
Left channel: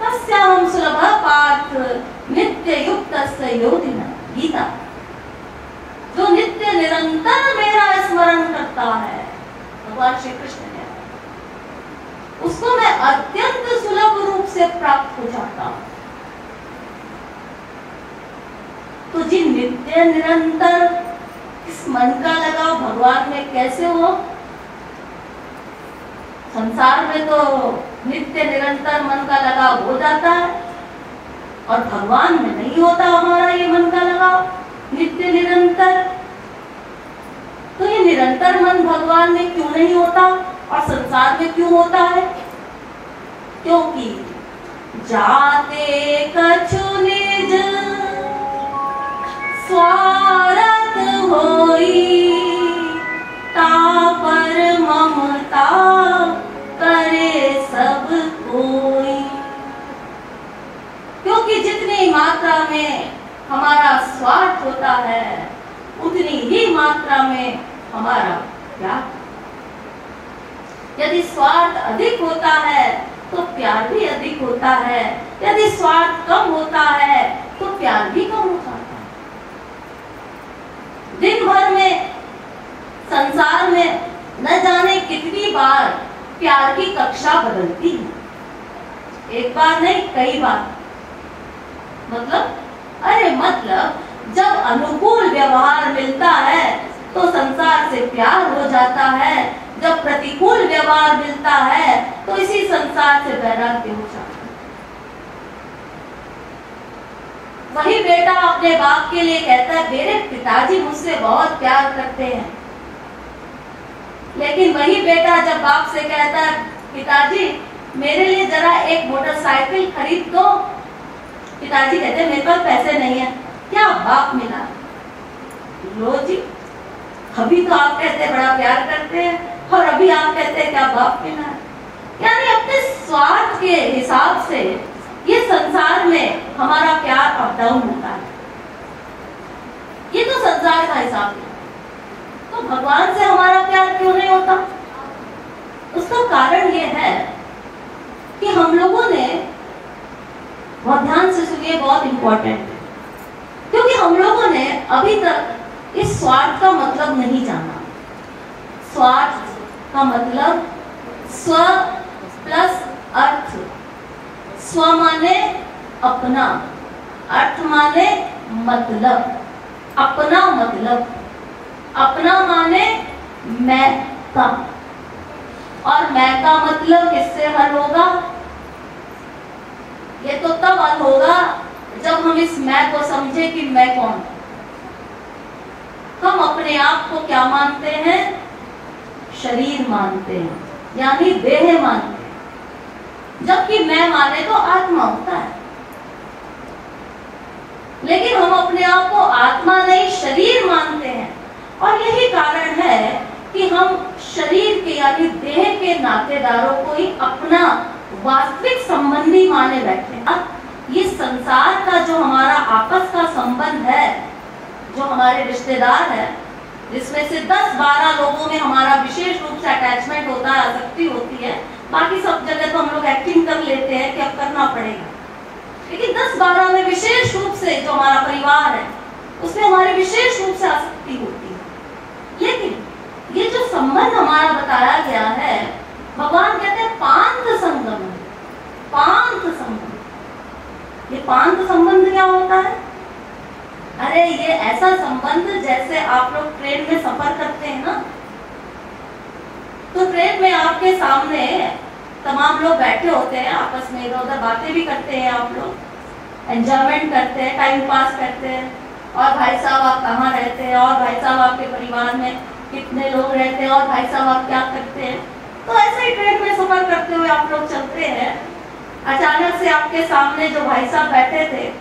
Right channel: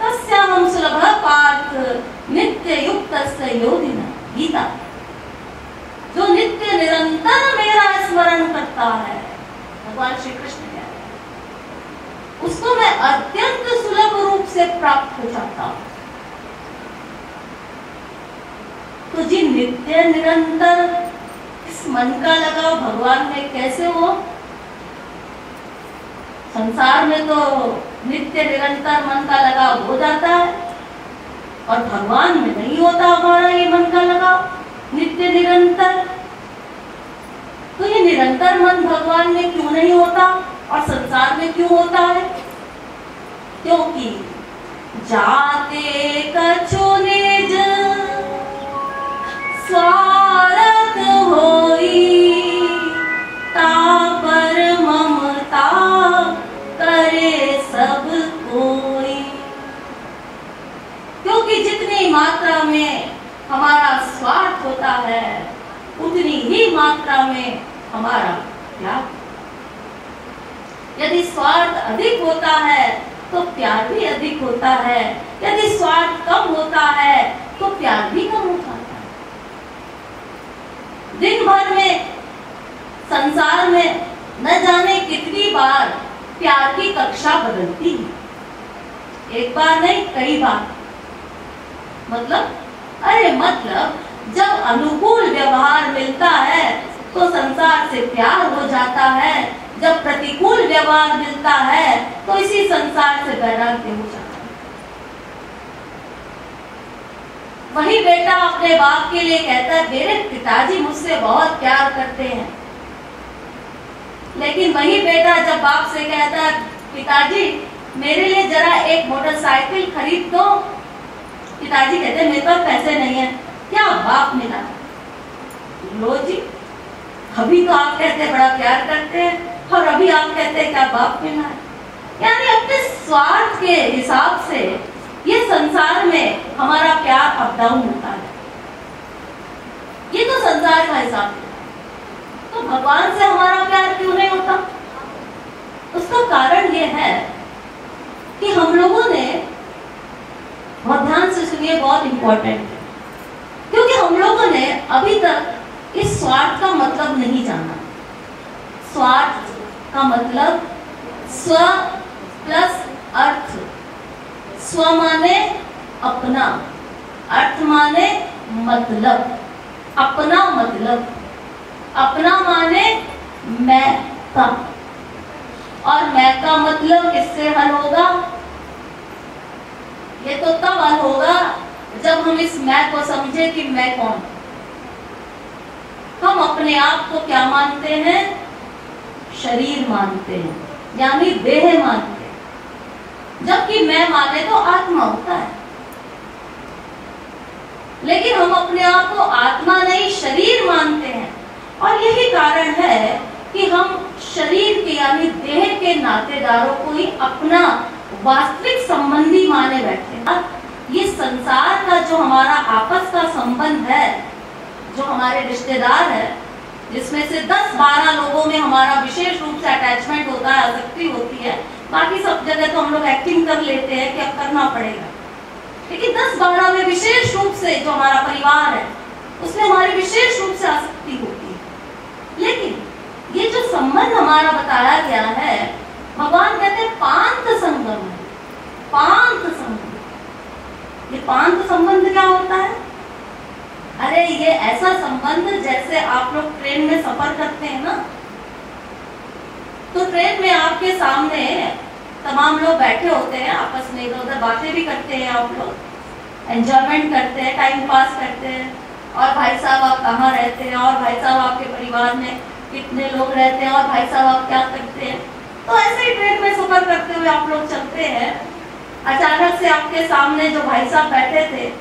तस्याहं सुलभः पार्थ नित्य युक्तस्य योगिनः। गीता। जो नित्य निरंतर मेरा स्मरण करता है, भगवान श्री कृष्ण कहते हैं, उसको मैं अत्यंत सुलभ रूप से प्राप्त हो जाता हूं। तो जी नित्य निरंतर इस मन का लगाव भगवान में कैसे हो? संसार में तो नित्य निरंतर मन का लगाव हो जाता है और भगवान में नहीं होता हमारा ये मन का लगाव नित्य निरंतर। तो ये निरंतर मन भगवान में क्यों नहीं होता और संसार में क्यों होता है? क्योंकि जाते कछु निज स्वार्थ होई तापर ममता करे सब कोई। क्योंकि जितनी मात्रा में हमारा स्वार्थ होता है उतनी ही मात्रा में हमारा प्यार। यदि स्वार्थ अधिक होता है तो प्यार भी अधिक होता है, यदि स्वार्थ कम होता है तो प्यार भी कम हो जाता है। दिन भर में संसार में न जाने कितनी बार प्यार की कक्षा बदलती है। एक बार नहीं, कई बार। मतलब जब अनुकूल व्यवहार मिलता है तो संसार से प्यार हो जाता है, जब प्रतिकूल व्यवहार मिलता है तो इसी संसार से वैराग्य हो जाता है। वही बेटा अपने बाप के लिए कहता है मेरे पिताजी मुझसे बहुत प्यार करते हैं, लेकिन वही बेटा जब बाप से कहता है पिताजी मेरे लिए जरा एक मोटरसाइकिल खरीद दो, पिताजी कहते हैं मेरे पास पैसे नहीं है। क्या बाप मिला? लो जी, अभी तो आप कहते हैं बड़ा प्यार करते हैं और अभी आप कहते हैं क्या बाप मिला। यानी अपने स्वार्थ के हिसाब से ये संसार में हमारा प्यार अप डाउन होता है। ये तो संसार का हिसाब है। तो भगवान से हमारा प्यार क्यों नहीं होता? उसका कारण ये है कि हम लोगों ने, बहुत ध्यान से सुनिए, बहुत इंपॉर्टेंट है, क्योंकि हम लोगों ने अभी तक इस स्वार्थ का मतलब नहीं जाना। स्वार्थ का मतलब स्व प्लस अर्थ। स्व माने अपना, अर्थ माने मतलब, अपना मतलब, अपना माने मैं का, और मैं का मतलब किससे हल होगा? ये तो तब हल होगा जब हम इस मैं को समझे कि मैं कौन। हम अपने आप को क्या मानते हैं? शरीर मानते हैं, यानी देह मानते हैं, जबकि मैं माने तो आत्मा होता है। लेकिन हम अपने आप को आत्मा नहीं शरीर मानते हैं, और यही कारण है कि हम शरीर के यानी देह के नातेदारों को ही अपना वास्तविक संबंधी माने बैठे। अब ये संसार का जो हमारा आपस का संबंध है, जो हमारे रिश्तेदार है, जिसमें से 10-12 लोगों में हमारा विशेष रूप से अटैचमेंट होता है, आसक्ति होती है, बाकी सब जगह तो हम लोग एक्टिंग कर लेते हैं कि अब करना पड़ेगा, लेकिन 10-12 में विशेष रूप से जो हमारा परिवार है उसमें हमारी विशेष रूप से आसक्ति होती है। लेकिन ये जो संबंध हमारा बताया गया है, भगवान कहते हैं पांत संगम है। पांत संबंध, ये पांत संबंध क्या होता है? अरे ये ऐसा संबंध जैसे आप लोग ट्रेन में सफर करते हैं ना, तो ट्रेन में आपके सामने तमाम लोग बैठे होते हैं, आपस में इधर उधर बातें भी करते हैं, आप लोग एंजॉयमेंट करते हैं, टाइम पास करते हैं, और भाई साहब आप कहाँ रहते हैं, और भाई साहब आपके परिवार में कितने लोग रहते हैं, और भाई साहब आप क्या करते हैं। तो ऐसे ही ट्रेन में सफर करते हुए आप लोग चलते हैं। अचानक से आपके सामने जो भाई साहब बैठे थे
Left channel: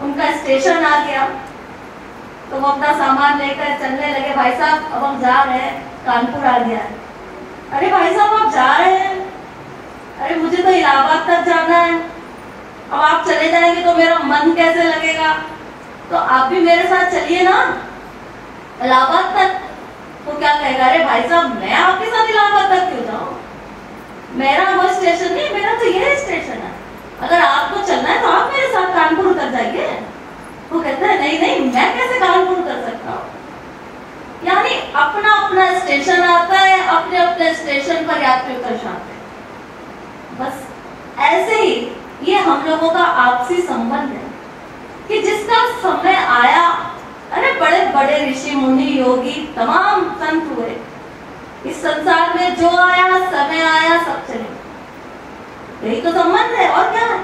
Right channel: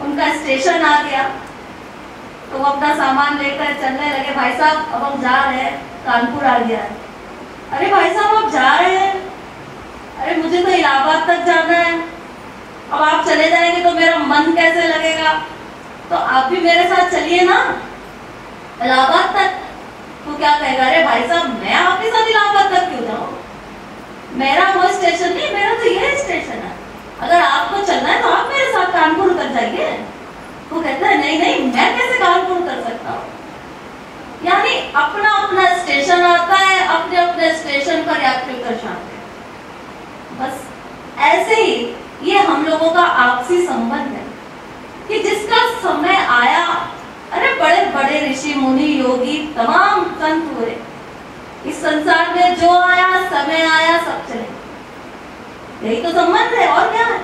उनका स्टेशन आ गया, तो वो अपना सामान लेकर चलने लगे। भाई साहब अब हम जा रहे हैं, कानपुर आ गया है। अरे भाई साहब आप जा रहे हैं? अरे मुझे तो इलाहाबाद तक जाना है। अब आप चले जाएंगे तो मेरा मन कैसे लगेगा, तो आप भी मेरे साथ चलिए ना इलाहाबाद तक। तो क्या कहेगा? अरे भाई साहब मैं आपके साथ इलाहाबाद तक क्यों जाऊं, मेरा वो स्टेशन नहीं, मेरा तो ये स्टेशन है, अगर आपको चलना है तो आप मेरे साथ कानपुर उतर जाइए। वो कहते हैं नहीं नहीं, मैं कैसे कानपुर उतर सकता हूँ। यानी अपना अपना स्टेशन आता है, अपने अपने स्टेशन पर यात्री उतर जाते हैं। बस ऐसे ही ये हम लोगों का आपसी संबंध है कि जिसका समय आया, अरे बड़े बड़े ऋषि मुनि योगी तमाम संत हुए, इस संसार में जो आया, समय आया, सब चले। यही तो संबंध है, और क्या है?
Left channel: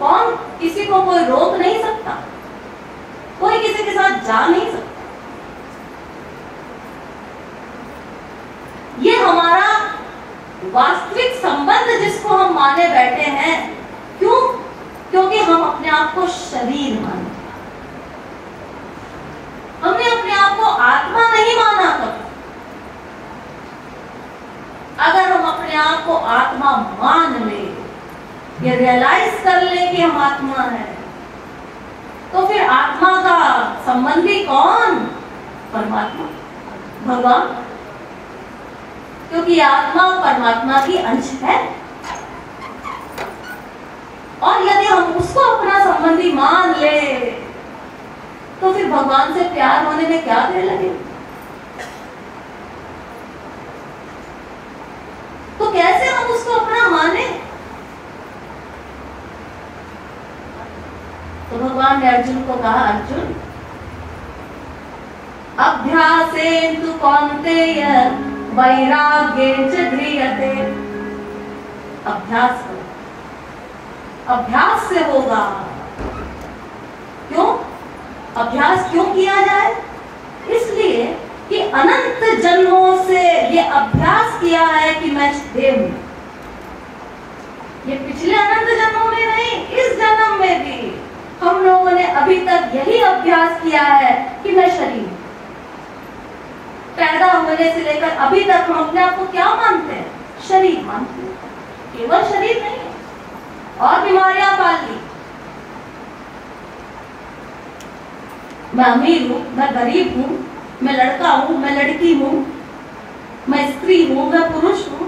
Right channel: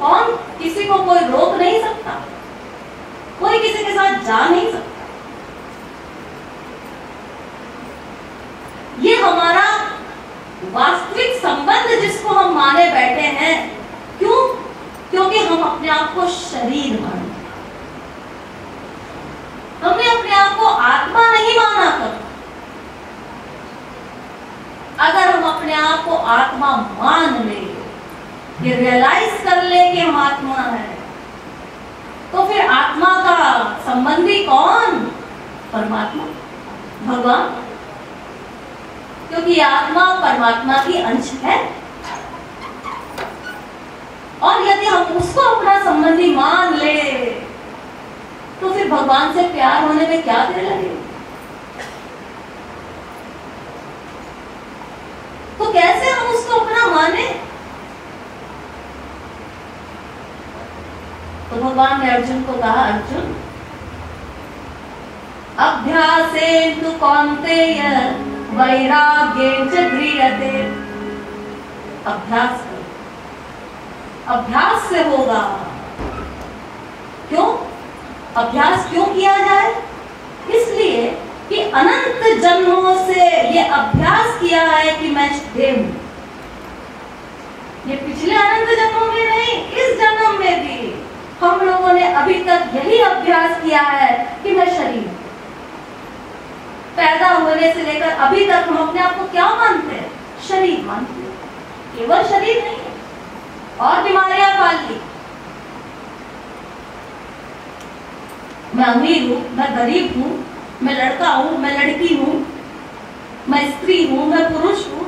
कौन किसी को कोई रोक नहीं सकता, कोई किसी के साथ जा नहीं सकता। ये हमारा वास्तविक संबंध जिसको हम माने बैठे हैं। क्यों? क्योंकि हम अपने आप को शरीर मानते, हमने अपने आप को आत्मा नहीं माना कभी। अगर हम अपने आप को आत्मा मान ले, ये रियलाइज कर ले कि हम आत्मा है, तो फिर आत्मा का संबंधी कौन? परमात्मा, भगवान। क्योंकि आत्मा परमात्मा की अंश है, और यदि हम उसको अपना संबंधी मान ले तो फिर भगवान से प्यार होने में क्या देर लगेगी? तो कैसे हम उसको अपना माने? तो भगवान ने अर्जुन को कहा, अर्जुन अभ्यासेन तु कौन्तेय वैराग्येन च ध्रियते। अभ्यास करो, अभ्यास से होगा। क्यों? अभ्यास क्यों किया जाए? इसलिए कि अनंत जन्मों से ये अभ्यास किया है कि मैं देव हूं। ये पिछले अनंत जन्मों में नहीं, इस जन्म में भी हम लोगों ने अभी तक यही अभ्यास किया है कि मैं शरीर। पैदा होने से लेकर अभी तक हम अपने आप को क्या मानते हैं? शरीर मानते हैं। केवल शरीर नहीं है, और बीमारियां पाल ली। मैं अमीर हूं, मैं गरीब हूं, मैं लड़का हूं, मैं लड़की हूं, मैं स्त्री हूं, मैं पुरुष हूं,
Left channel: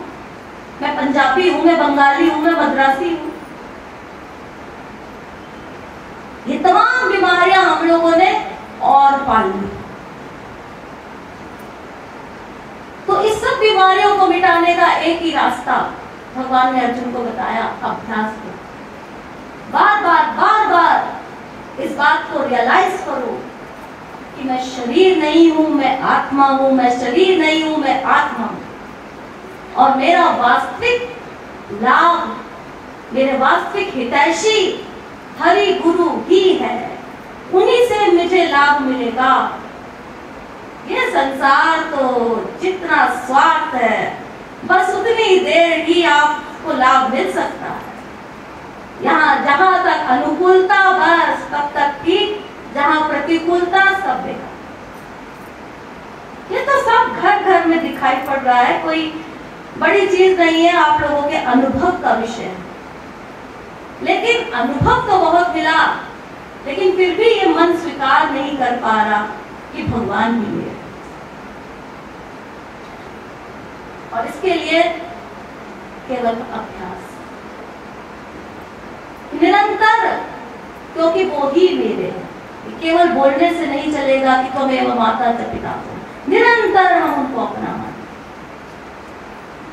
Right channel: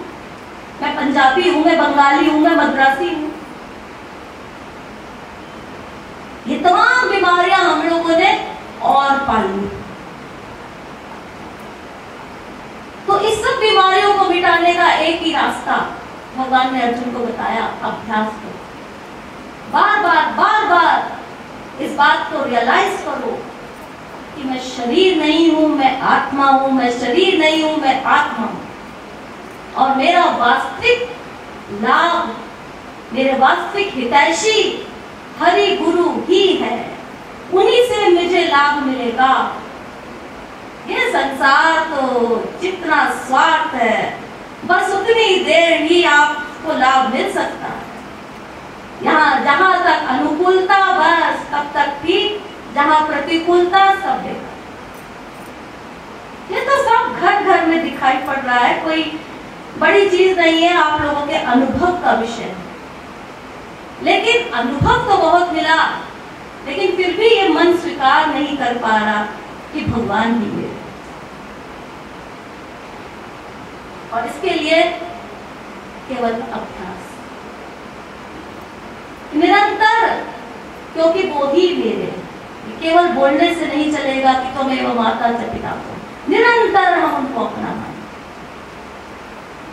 मैं पंजाबी हूं, मैं बंगाली हूं, मैं मद्रासी हूं। ये तमाम बीमारियां हम लोगों ने और पाल ली। तो इस सब बीमारियों को मिटाने का एक ही रास्ता भगवान ने अर्जुन को बताया, अभ्यास करो। बार बार इस बात को रियलाइज करो कि मैं शरीर नहीं हूं, मैं आत्मा हूं, मैं शरीर नहीं हूं, मैं आत्मा हूं। और मेरा वास्तविक लाभ, मेरे वास्तविक हितैषी हरि गुरु ही है। उन्हीं से मुझे लाभ मिलेगा। ये संसार तो जितना स्वार्थ है, बस उतनी देर ही आपको लाभ मिल सकता है। यहाँ जहां तक अनुकूलता बस तब तक ठीक, जहां प्रतिकूलता सब बेकार। ये तो सब घर घर में दिखाई पड़ रहा है, कोई बड़ी चीज नहीं है, आप लोगों के अनुभव का विषय है। लेकिन अनुभव तो बहुत मिला, लेकिन फिर भी ये मन स्वीकार नहीं कर पा रहा कि भगवान ही है। और इसके लिए केवल अभ्यास, निरंतर, क्योंकि वो ही मेरे हैं। केवल बोलने से नहीं चलेगा कि त्वमेव माता च पिता, निरंतर हम उनको अपना माने।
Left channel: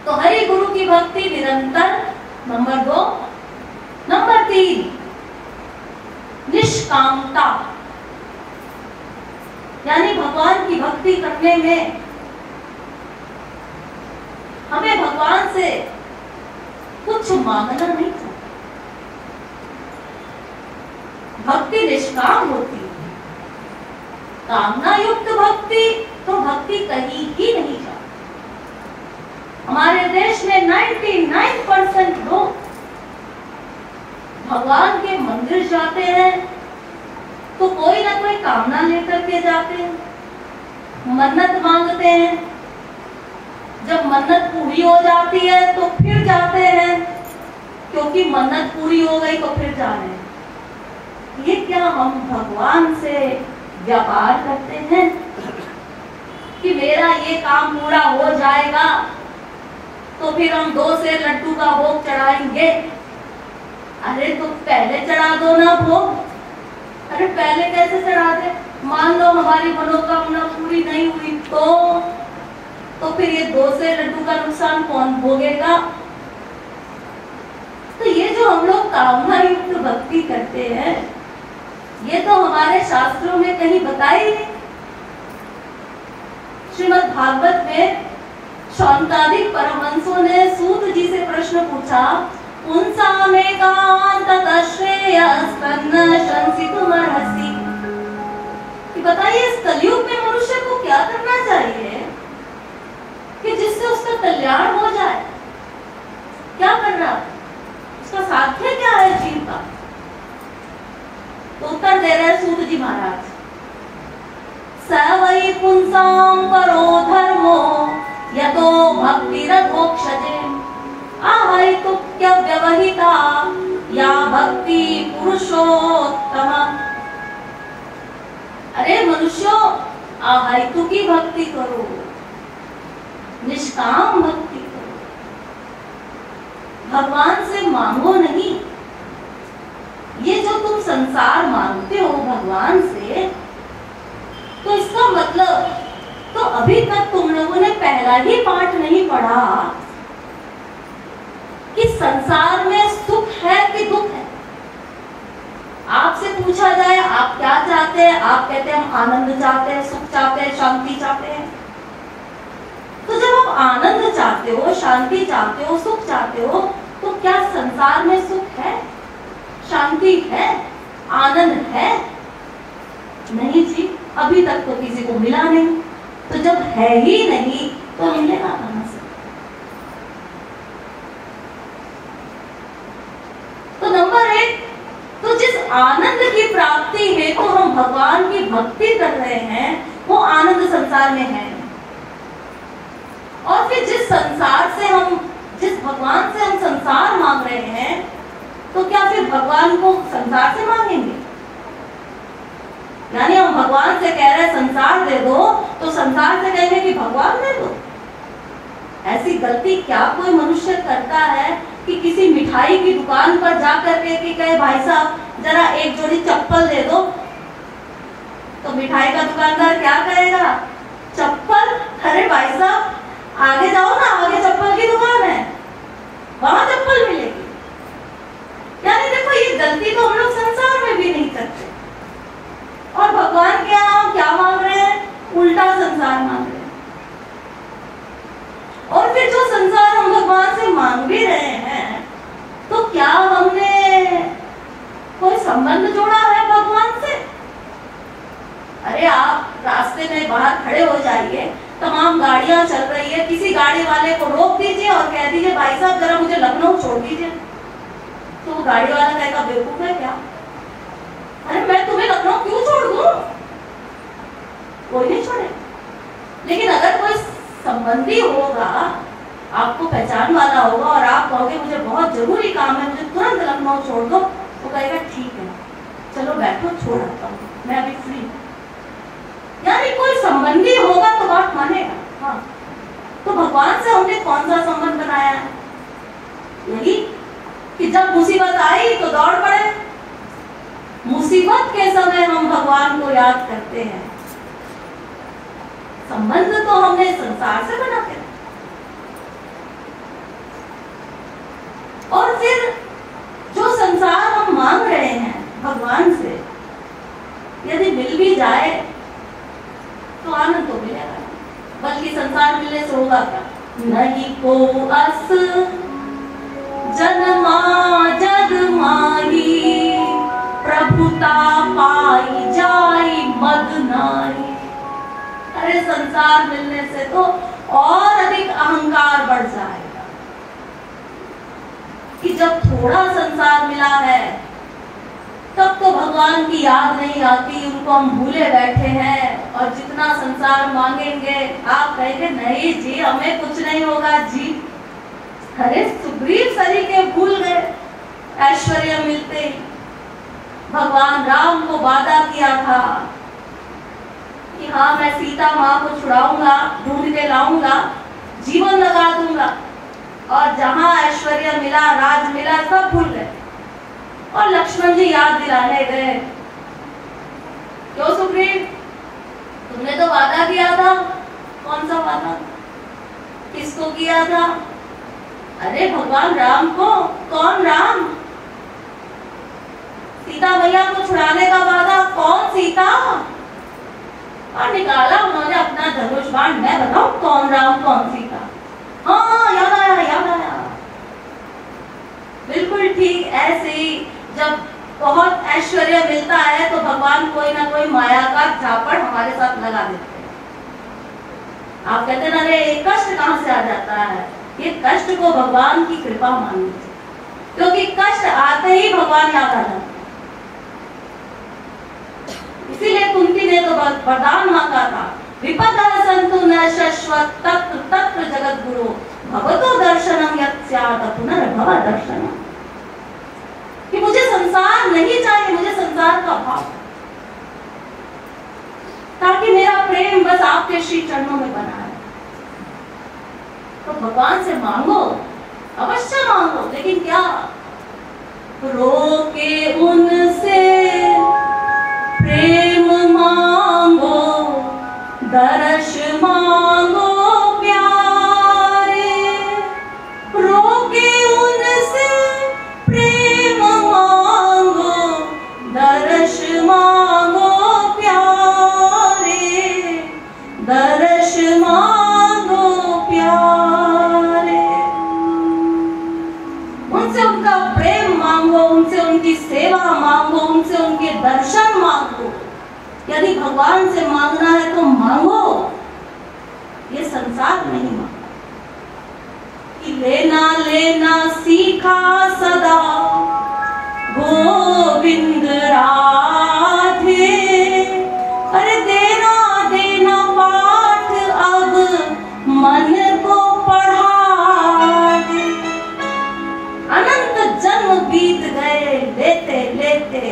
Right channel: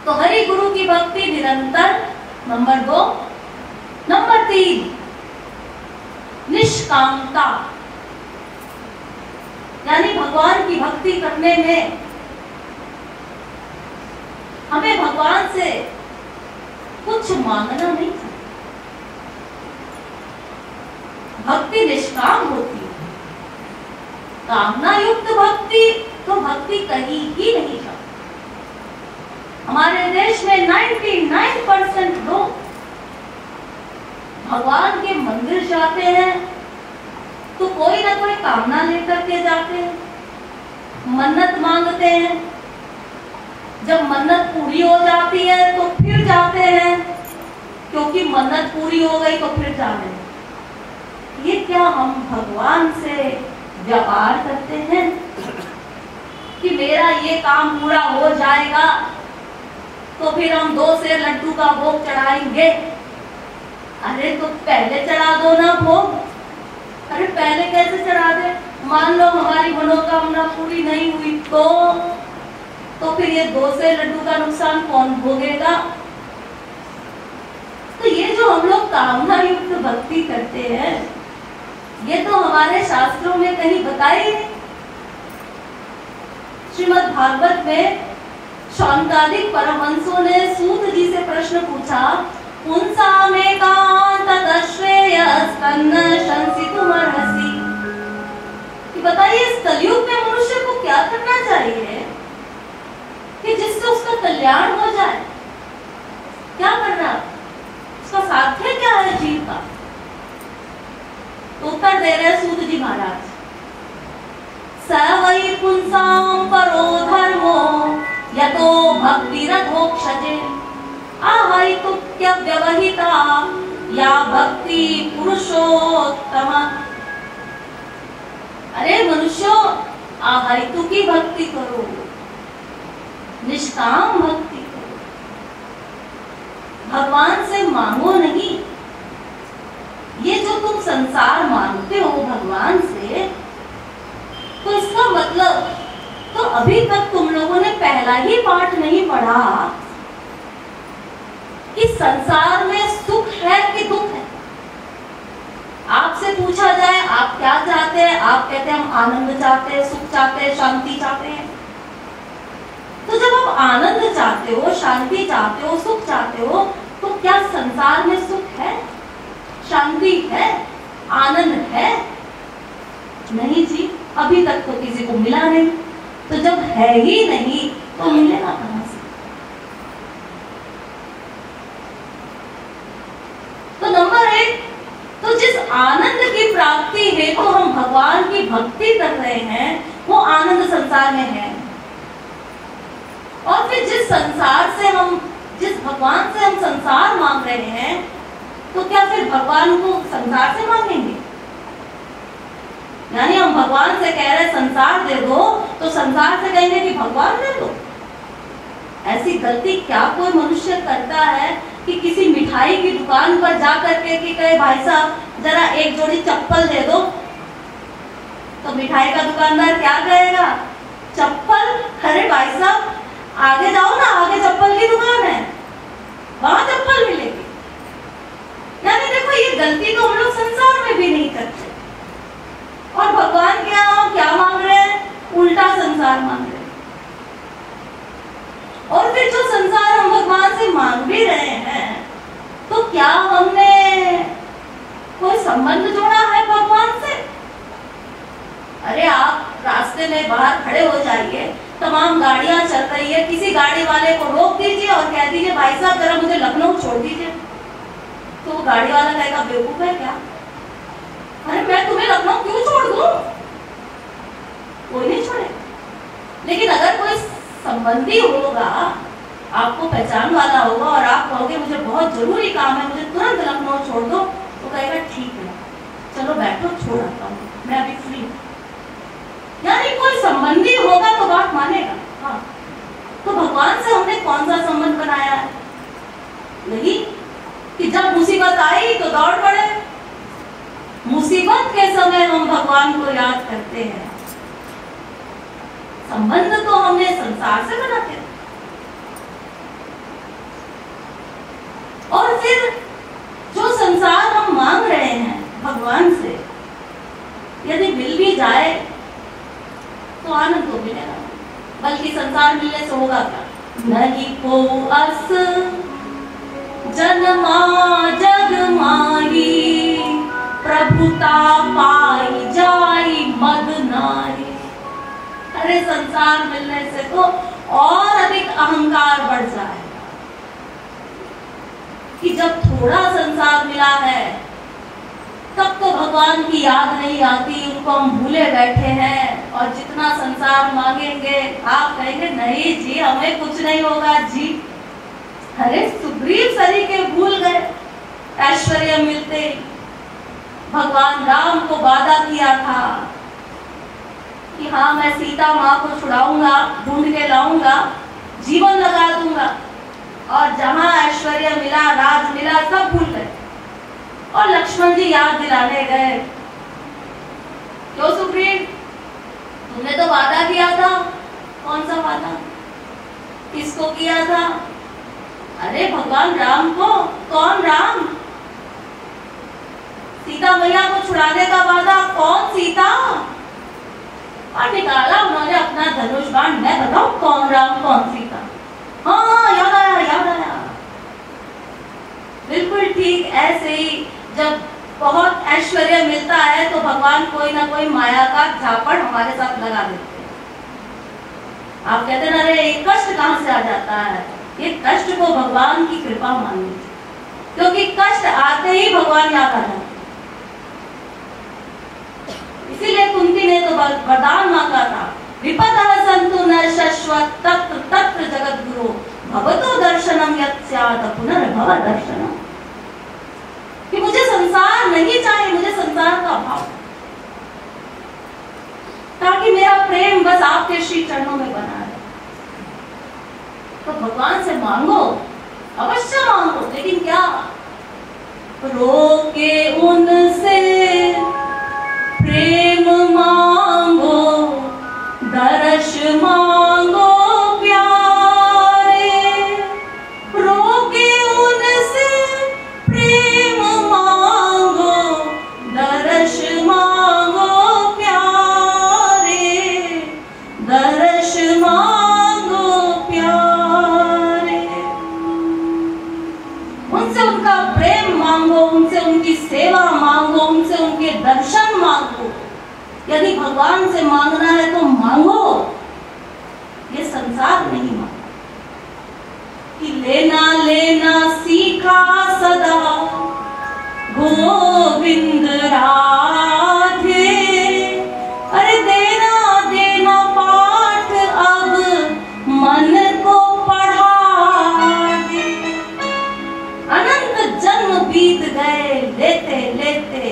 तो हरि गुरु की भक्ति निरंतर, नंबर 2। नंबर 3, निष्कामता, यानी भगवान की भक्ति करने में हमें भगवान से कुछ मांगना नहीं चाहिए। भक्ति निष्काम होती है। कामना युक्त भक्ति तो भक्ति कहीं ही नहीं जाती। हमारे देश में 99% लोग भगवान के मंदिर जाते हैं तो कोई ना कोई कामना लेकर के जाते हैं, मन्नत मांगते हैं। जब मन्नत पूरी हो जाती है तो फिर जाते हैं, क्योंकि मन्नत पूरी हो गई तो फिर जा रहे हैं। ये क्या हम भगवान से व्यापार करते हैं कि मेरा ये काम पूरा हो जाएगा तो फिर हम 2 सेर लड्डू का भोग चढ़ाएंगे? अरे तो पहले चढ़ा दो ना भोग। अरे पहले कैसे चढ़ा दे? मान लो हमारी मनोकामना पूरी नहीं हुई तो फिर ये 2 सेर लड्डू का नुकसान कौन भोगेगा? तो ये जो हम लोग कामना युक्त भक्ति करते हैं, ये तो हमारे शास्त्रों में कहीं बताया ही नहीं। श्रीमद् भागवत में शौनकादिक परमहंसों ने सूत जी से प्रश्न पूछा, कि बताइए इस कलयुग में मनुष्य को क्या करना चाहिए कि जिससे उसका कल्याण हो जाए? क्या करना, उसका साध्य क्या है जीव का? तो उत्तर दे रहे सूत जी महाराज, स वै पुंसां परो धर्मो यतो भक्तिरधोक्षजे आहैतुक्य व्यवहिता या भक्ति पुरुषोत्तम। अरे मनुष्यों, आहैतु की भक्ति करो, निष्काम भक्ति करो, भगवान से मांगो नहीं। ये जो तुम संसार मांगते हो भगवान से, तो इसका मतलब तो अभी तक तुम लोगों ने पहला ही पाठ नहीं पढ़ा कि संसार में सुख है कि दुख है। आपसे पूछा जाए आप क्या चाहते हैं, आप कहते हैं हम आनंद चाहते हैं, सुख चाहते हैं, शांति चाहते हैं। तो जब आप आनंद चाहते हो, शांति चाहते हो, सुख चाहते हो, तो क्या संसार में सुख है, शांति है, आनंद है? नहीं जी, अभी तक तो किसी को मिला नहीं। तो जब है ही नहीं तो मिलेगा कहां से? तो नंबर 1, तो जिस आनंद की प्राप्ति है तो हम भगवान की भक्ति कर रहे हैं, वो आनंद संसार में है। और फिर जिस भगवान से हम संसार मांग रहे हैं, तो क्या फिर भगवान को संसार से मांगेंगे? यानी हम भगवान से कह रहे हैं संसार दे दो, तो संसार से कहेंगे कि भगवान दे दो। ऐसी गलती क्या कोई मनुष्य करता है कि किसी मिठाई की दुकान पर जाकर के कि कहे भाई साहब जरा एक जोड़ी चप्पल दे दो, तो मिठाई का दुकानदार क्या कहेगा? चप्पल? अरे भाई साहब आगे जाओ ना, आगे चप्पल की दुकान है, वहां चप्पल मिलेगी। यानी देखो, ये गलती तो हम लोग संसार में भी नहीं करते। और भगवान क्या मांग रहे हैं? उल्टा संसार मांग रहे हैं। और फिर जो संसार हम भगवान से मांग भी रहे हैं, तो क्या हमने कोई संबंध जोड़ा है भगवान से? अरे आप रास्ते में बाहर खड़े हो जाइए, तमाम गाड़ियां चल रही है, किसी गाड़ी वाले को रोक दीजिए और कह दीजिए भाई साहब जरा मुझे लखनऊ छोड़ दीजिए, तो वो गाड़ी वाला कहेगा बेवकूफ है क्या? अरे मैं तुम्हें लखनऊ क्यों छोड़ दूं? कोई नहीं छोड़े। लेकिन अगर कोई संबंधी होगा, आपको पहचान वाला होगा, और आप कहोगे मुझे बहुत जरूरी काम है, मुझे तुरंत लखनऊ छोड़ दो, वो कहेगा ठीक है चलो बैठो, छोड़ आता हूँ, मैं अभी फ्री हूँ। यानी कोई संबंधी होगा तो बात मानेगा। हाँ, तो भगवान से हमने कौन सा संबंध बनाया है? यही कि जब मुसीबत आई तो दौड़ पड़े। मुसीबत के समय हम भगवान को याद करते हैं। संबंध तो हमने संसार से बनाते हैं। और फिर जो संसार हम मांग रहे हैं भगवान से, यदि मिल भी जाए तो आनंद तो मिलेगा, बल्कि संसार मिलने से होगा क्या? नहीं को अस जन्मा जग माही, प्रभुता पाई जाई मद नारी। अरे संसार मिलने से तो और अधिक अहंकार बढ़ जाएगा कि जब थोड़ा संसार मिला है तब तो भगवान की याद नहीं आती, उनको हम भूले बैठे हैं। और जितना संसार मांगेंगे आप कहेंगे नहीं जी हमें कुछ नहीं होगा जी। अरे सुग्रीव सरीखे भूल गए ऐश्वर्य मिलते ही। भगवान राम को वादा किया था कि हाँ मैं सीता माँ को छुड़ाऊंगा, ढूंढ के लाऊंगा, जीवन लगा दूंगा। और जहां ऐश्वर्य मिला, राज मिला, सब भूल गए। और लक्ष्मण जी याद दिलाने गए, क्यों सुग्रीव तुमने तो वादा किया था। कौन सा वादा? किसको किया था? अरे भगवान राम को। कौन राम? सीता मैया को छुड़ाने का वादा। कौन सीता? और निकाला उन्होंने अपना धनुष बाण। मैं बताऊं कौन राम कौन सीता? हाँ याद आया, याद आया। बिल्कुल ठीक ऐसे ही जब बहुत ऐश्वर्य मिलता है तो भगवान कोई ना कोई माया का झापड़ हमारे साथ लगा देते हैं। आप कहते हैं अरे ये कष्ट कहां से आ जाता है? ये कष्ट को भगवान की कृपा मान लीजिए, क्योंकि कष्ट आते ही भगवान याद आ जाते हैं। इसीलिए कुंती ने तो वरदान मांगा था, विपदः सन्तु न शश्वत तत्र तत्र जगत गुरु भगवतो दर्शनम यत् स्यात् पुनर्भव दर्शनम। कि मुझे संसार नहीं चाहिए, मुझे संसार का भाव, ताकि मेरा प्रेम बस आपके श्री चरणों में बना रहे। तो भगवान से मांगो, अवश्य मांगो, लेकिन क्या? रोके उनसे प्रेम मांगो, दर्श मांगो प्यारे। रोके उनसे प्रेम मांगो, दर्श मांगो प्यारे, दर्श मांगो प्यारे। उनसे उनका प्रेम मांगो, उनसे उनकी सेवा मांगो, उनसे उनके दर्शन मांगो। यदि भगवान से मांगना है तो मांगो, ये संसार नहीं मांगा। कि लेना लेना सीखा सदा गोविंद राधे, अरे देना देना पाठ अब मन को पढ़ा दे। अनंत जन्म बीत गए लेते लेते,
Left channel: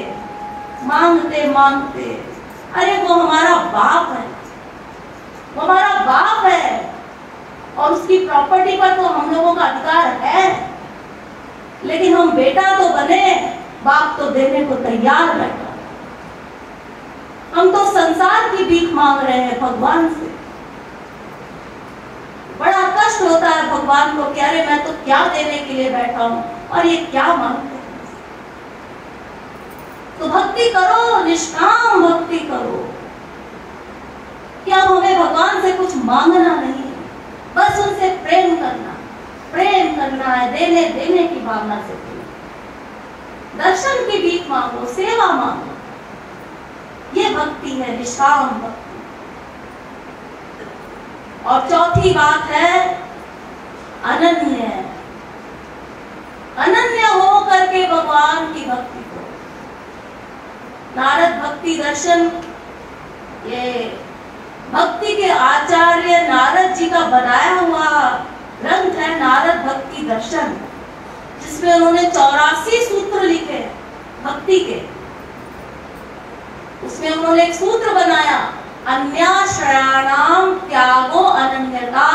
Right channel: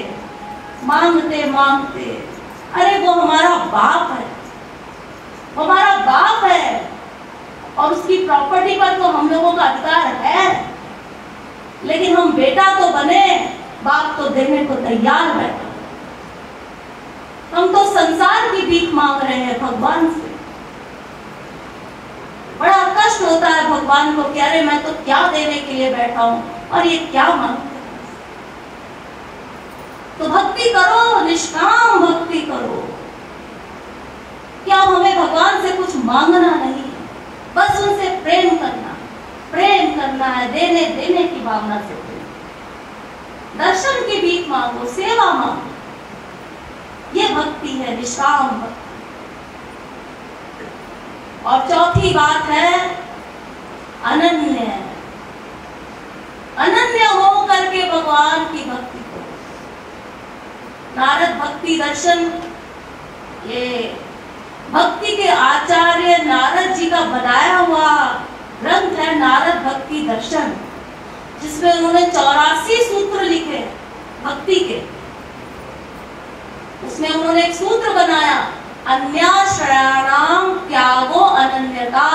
मांगते मांगते, अरे वो हमारा बाप है, वो हमारा बाप है और उसकी प्रॉपर्टी पर तो हम लोगों का अधिकार है, लेकिन हम बेटा तो बने, बाप तो देने को तैयार बैठा। हम तो संसार की भीख मांग रहे हैं भगवान से। बड़ा कष्ट होता है भगवान को कि अरे मैं तो क्या देने के लिए बैठा हूं और ये क्या मांगते हैं। तो भक्ति करो, निष्काम भक्ति करो। क्या हमें भगवान से कुछ मांगना नहीं है, बस उनसे प्रेम करना है, देने देने की भावना से। दर्शन की भीख मांगो, सेवा मांगो, ये भक्ति है, निष्काम भक्ति। और चौथी बात है अनन्य। अनन्य हो करके भगवान की भक्ति करो। नारद भक्ति दर्शन, ये भक्ति के आचार्य नारद जी का बनाया हुआ ग्रंथ है नारद भक्ति दर्शन, जिसमें उन्होंने 84 सूत्र लिखे भक्ति के। उसमें उन्होंने एक सूत्र बनाया, अन्याश्रयाणाम त्यागो अनन्यता,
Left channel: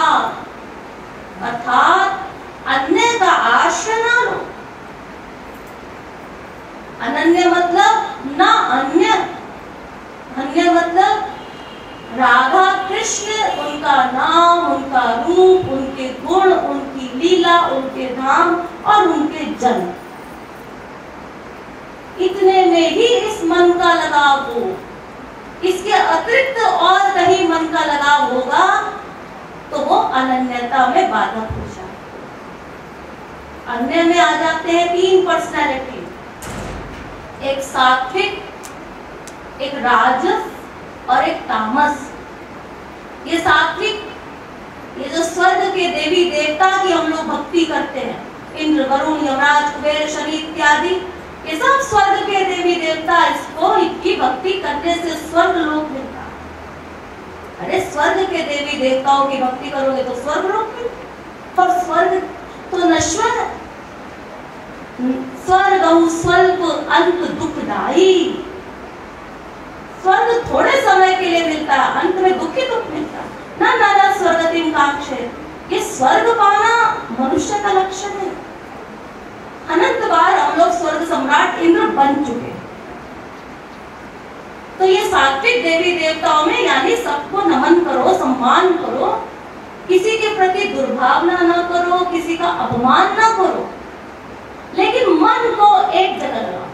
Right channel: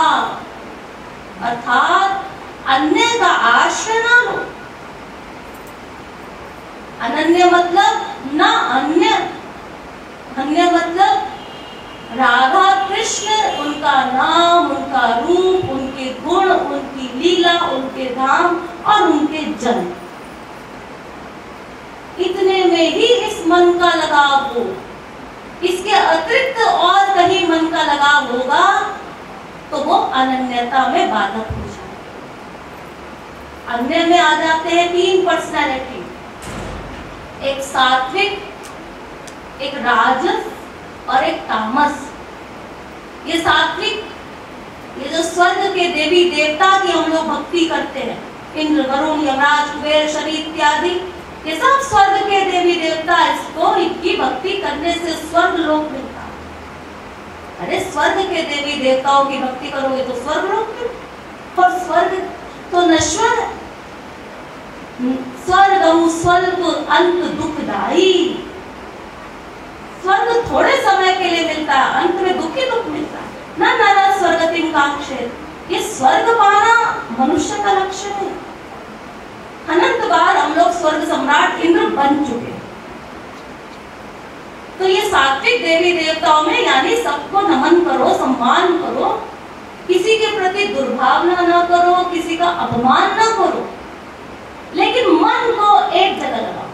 अर्थात अन्य का आश्रय ना लो। अनन्य मतलब ना अन्य, अन्य मतलब राधा कृष्ण, उनका नाम, उनका रूप, उनके गुण, उनकी लीला, उनके धाम और उनके जन, इतने में ही इस मन का लगाव हो। इसके अतिरिक्त और कहीं मन का लगाव होगा तो वो अनन्यता में बाधक हो जाए। अन्य में आ जाते हैं 3 पर्सनैलिटी, एक सात्विक, एक राजस और एक तामस। ये सात्विक, ये जो स्वर्ग के देवी देवता की हम लोग भक्ति करते हैं, इंद्र, वरुण, यमराज, कुबेर, शनि इत्यादि, ये सब स्वर्ग के देवी देवता, इसको इनकी भक्ति करने से स्वर्ग लोक मिलता है। अरे स्वर्ग के देवी देवताओं की भक्ति करोगे तो स्वर्ग लोक मिलता, और स्वर्ग तो नश्वर है। स्वर्ग स्वल्प अंत दुखदाई, स्वर्ग थोड़े समय के लिए मिलता है, अंत में दुख ही दुख मिलता है। ना नर स्वर्गतिम कांक्षेत, ये स्वर्ग पाना मनुष्य का लक्षण है। अनंत बार हम लोग स्वर्ग सम्राट इंद्र बन चुके। तो ये सात्विक देवी देवताओं में यानी सबको नमन करो, सम्मान करो, किसी के प्रति दुर्भावना न करो, किसी का अपमान न करो, लेकिन मन को एक जगह लगाओ।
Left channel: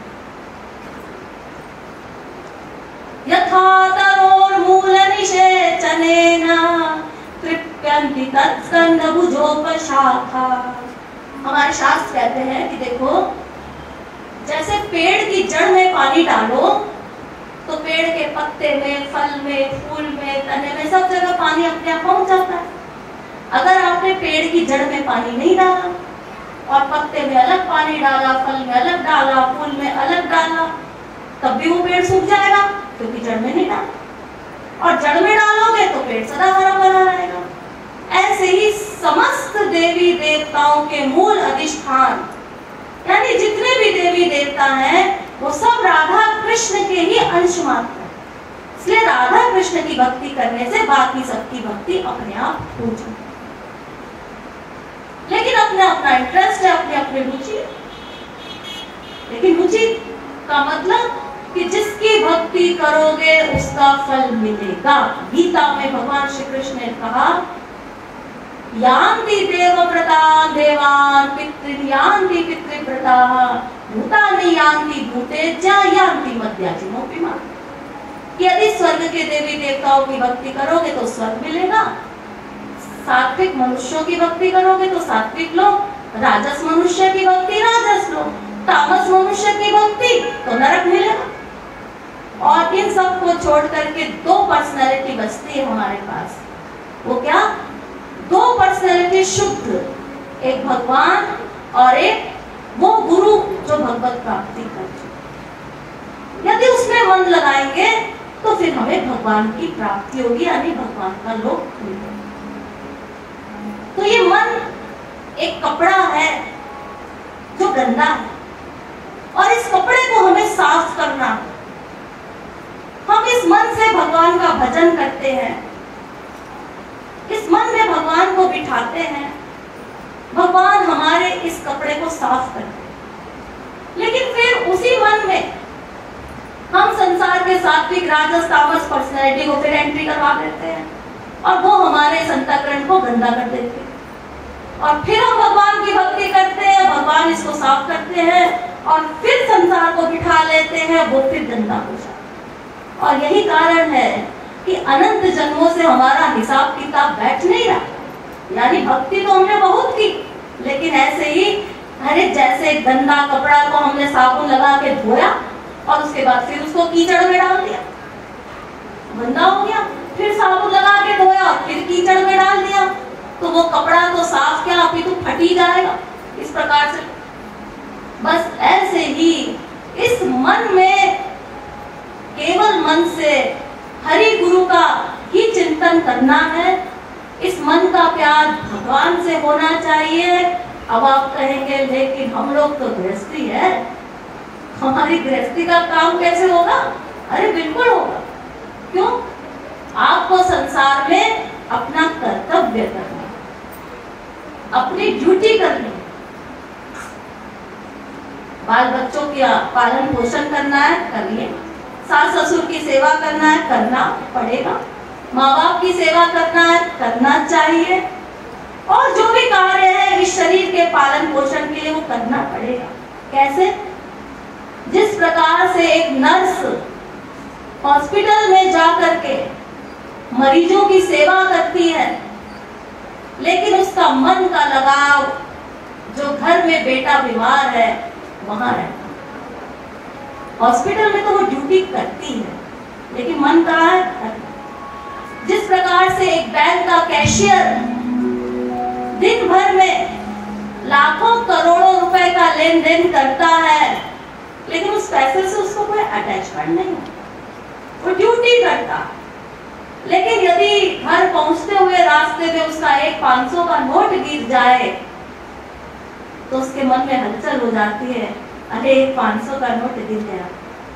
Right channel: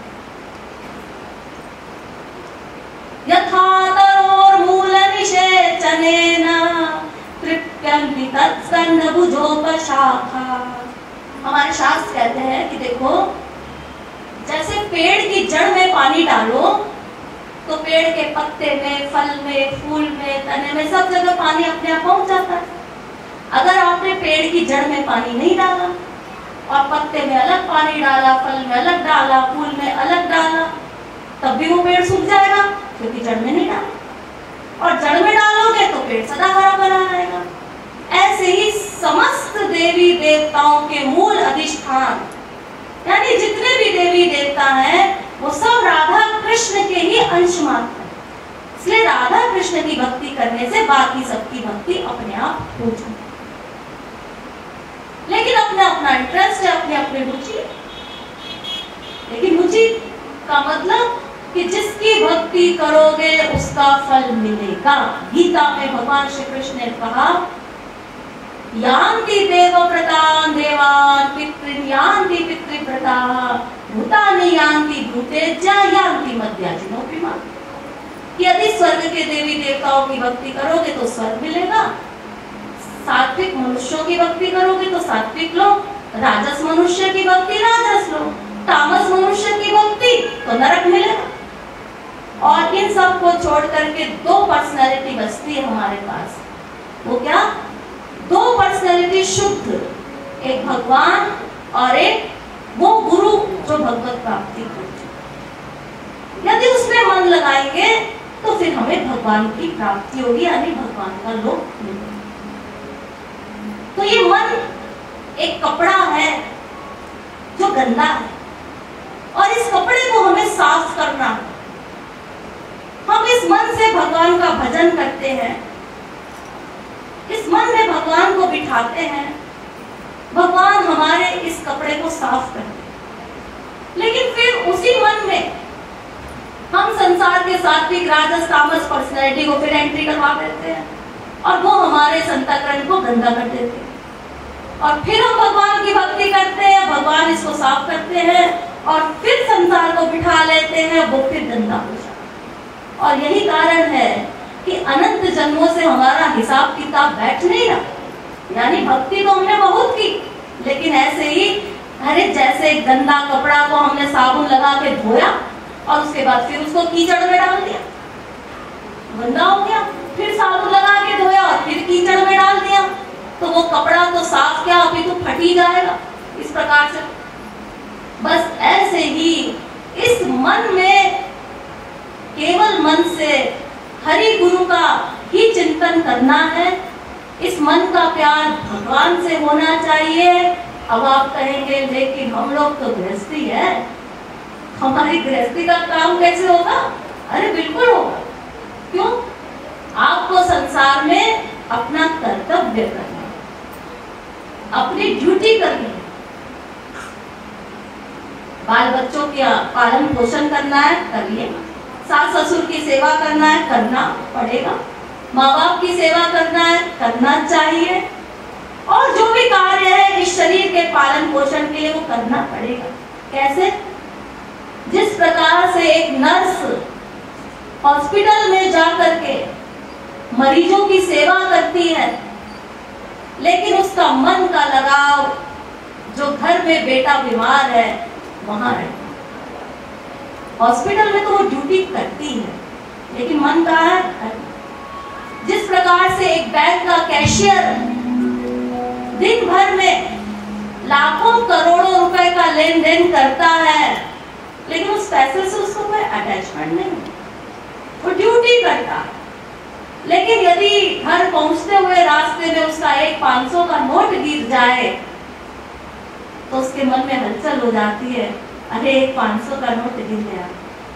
यथा तरोर्मूल निषेचनेन तृप्यन्ति तत्स्कन्धभुजोपशाखा। हमारे शास्त्र कहते हैं कि देखो, जैसे पेड़ की जड़ में पानी डालो तो पेड़ के पत्ते में, फल में, फूल में, तने में, सब जगह पानी अपने आप पहुंच जाता है। अगर आपने पेड़ की जड़ में पानी नहीं डाला और पत्ते में अलग पानी डाला, फल में अलग डाला, फूल में अलग डाला, तब भी वो पेड़ सूख जाएगा, क्योंकि जड़ में नहीं डाला। और जड़ में डालोगे तो पेड़ सदा हरा भरा रहेगा। ऐसे ही समस्त देवी देवताओं के मूल अधिष्ठान, यानी जितने भी देवी देवता हैं, वो सब राधा कृष्ण के ही अंश मात्र है। इसलिए राधा कृष्ण की भक्ति करने से बाकी सबकी भक्ति अपने आप हो जाती। लेकिन अपना अपना इंटरेस्ट है, अपनी अपनी रुचि। लेकिन रुचि का मतलब कि जिसकी भक्ति करोगे उसका फल मिलेगा। गीता में भगवान श्री कृष्ण ने कहा, यान्ति देवव्रतान् देवान् पितॄन् यान्ति पितृव्रताः भूतानि यान्ति भूतेज्य यान्ति मद्याजिनोऽपि माम्। यदि स्वर्ग के देवी देवताओं की भक्ति करोगे तो स्वर्ग मिलेगा, सात्विक मनुष्यों की भक्ति करोगे तो सात्विक लोग, राजस मनुष्य की भक्ति राजस लोग, तामस मनुष्य की भक्ति तो नरक मिलेगा। और इन सब को छोड़ करके दो पर्सनैलिटी बचती है हमारे पास। वो क्या? दो पर्सनैलिटी शुद्ध, एक भगवान और एक वो गुरु जो भगवत प्राप्ति कर चुके। यदि उसमें मन लगाएंगे तो फिर हमें भगवान की प्राप्ति होगी, यानी भगवान का लोक मिलेगा। तो ये मन एक कपड़ा है जो गंदा है और इस कपड़े को हमें साफ करना है। हम इस मन से भगवान का भजन करते हैं, इस मन में भगवान को बिठाते हैं, भगवान हमारे इस कपड़े को साफ करते हैं। लेकिन फिर उसी मन में हम संसार के सात्विक राजस तामस पर्सनैलिटी को फिर एंट्री करवा देते हैं और वो हमारे अंतःकरण को गंदा कर देते हैं। और फिर हम भगवान की भक्ति करते हैं, भगवान इसको साफ करते हैं और फिर संसार को बिठा लेते हैं, वो फिर गंदा हो जाता है। और यही कारण है कि अनंत जन्मों से हमारा हिसाब किताब बैठ नहीं रहा। यानी भक्ति तो हमने बहुत की, लेकिन ऐसे ही अरे जैसे गंदा कपड़ा को हमने साबुन लगा के धोया और उसके बाद फिर उसको कीचड़ में डाल दिया, गंदा हो गया, फिर साबुन लगा के धोया और फिर कीचड़ में डाल दिया, तो वो कपड़ा तो साफ क्या अभी तो फट ही जाएगा। इस प्रकार से बस ऐसे ही इस मन में केवल मन से हरि गुरु का ही चिंतन करना है। इस मन का प्यार भगवान से होना चाहिए। अब आप कहेंगे लेकिन हम लोग तो गृहस्थी है, हमारी गृहस्थी का काम कैसे होगा? अरे बिल्कुल होगा। क्यों? आपको संसार में अपना कर्तव्य करना, अपनी ड्यूटी करनी है। बाल बच्चों का पालन पोषण करना है, करिए। सास ससुर की सेवा करना है, करना पड़ेगा। माँ बाप की सेवा करना है, करना चाहिए। और जो भी कार्य है इस शरीर के पालन पोषण के लिए वो करना पड़ेगा। कैसे? जिस प्रकार से एक नर्स हॉस्पिटल में जाकर के मरीजों की सेवा करती है, लेकिन उसका मन का लगाव जो घर में बेटा बीमार है वहां रहता है। हॉस्पिटल में तो वो ड्यूटी करती है, लेकिन मन कहाँ है? जिस प्रकार से एक बैंक का कैशियर दिन भर में लाखों करोड़ों रुपए का लेन देन करता है, लेकिन उस पैसे से उसको कोई अटैचमेंट नहीं है, वो ड्यूटी करता है। लेकिन यदि घर पहुंचते हुए रास्ते में उसका एक 500 का नोट गिर जाए तो उसके मन में हलचल हो जाती है, अरे एक 500 का नोट गिर गया।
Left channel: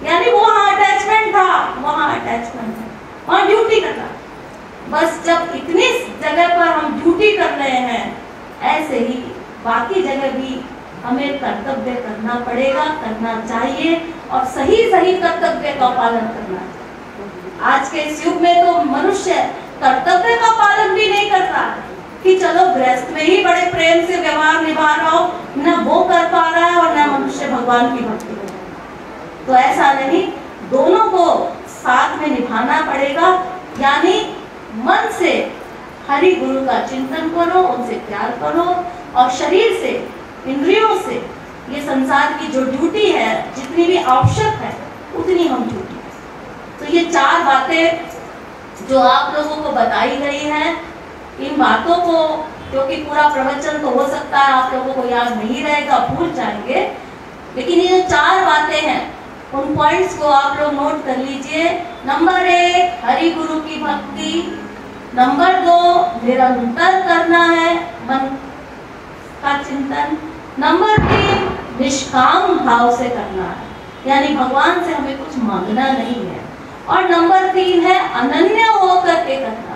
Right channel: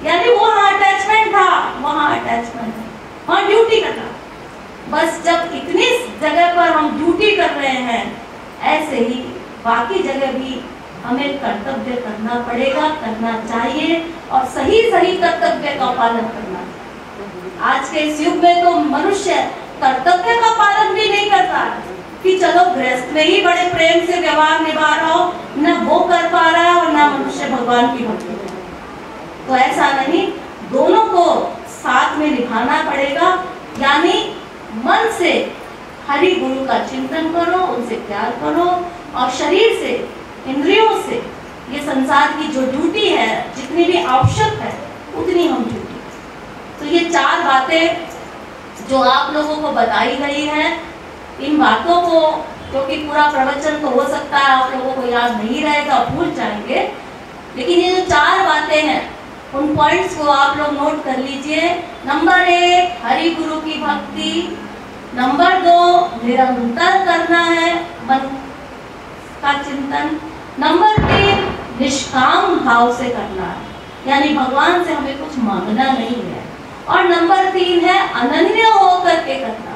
यानी वहां अटैचमेंट था, वहां अटैचमेंट है, वहां ड्यूटी कर रहा। बस जब इतनी जगह पर हम ड्यूटी कर रहे हैं, ऐसे ही बाकी जगह भी हमें कर्तव्य करना पड़ेगा, करना चाहिए और सही सही कर्तव्य का पालन करना चाहिए। आज के इस युग में तो मनुष्य कर्तव्य का पालन भी नहीं कर रहा है कि चलो गृहस्थ में ही बड़े प्रेम से व्यवहार निभा रहा हो, न वो कर पा रहा है और न मनुष्य भगवान की भक्ति कर रहा है। तो ऐसा नहीं, दोनों को साथ में निभाना पड़ेगा। यानी मन से हरि गुरु का चिंतन करो, उनसे प्यार करो और शरीर से, इंद्रियों से ये संसार की जो ड्यूटी है, जितनी भी आवश्यक है उतनी हम ड्यूटी। तो ये 4 बातें जो आप लोगों को बताई गई है, इन बातों को, क्योंकि पूरा प्रवचन तो हो सकता है आप लोगों को याद नहीं रहेगा, भूल जाएंगे, लेकिन ये जो 4 बातें हैं उन पॉइंट्स को आप लोग नोट कर लीजिए। नंबर 1 हरि गुरु की भक्ति, नंबर 2 निरंतर करना है मन का चिंतन, नंबर 3 निष्काम भाव से करना है, यानी भगवान से हमें कुछ मांगना नहीं है, और नंबर 3 है अनन्य होकर के करना है।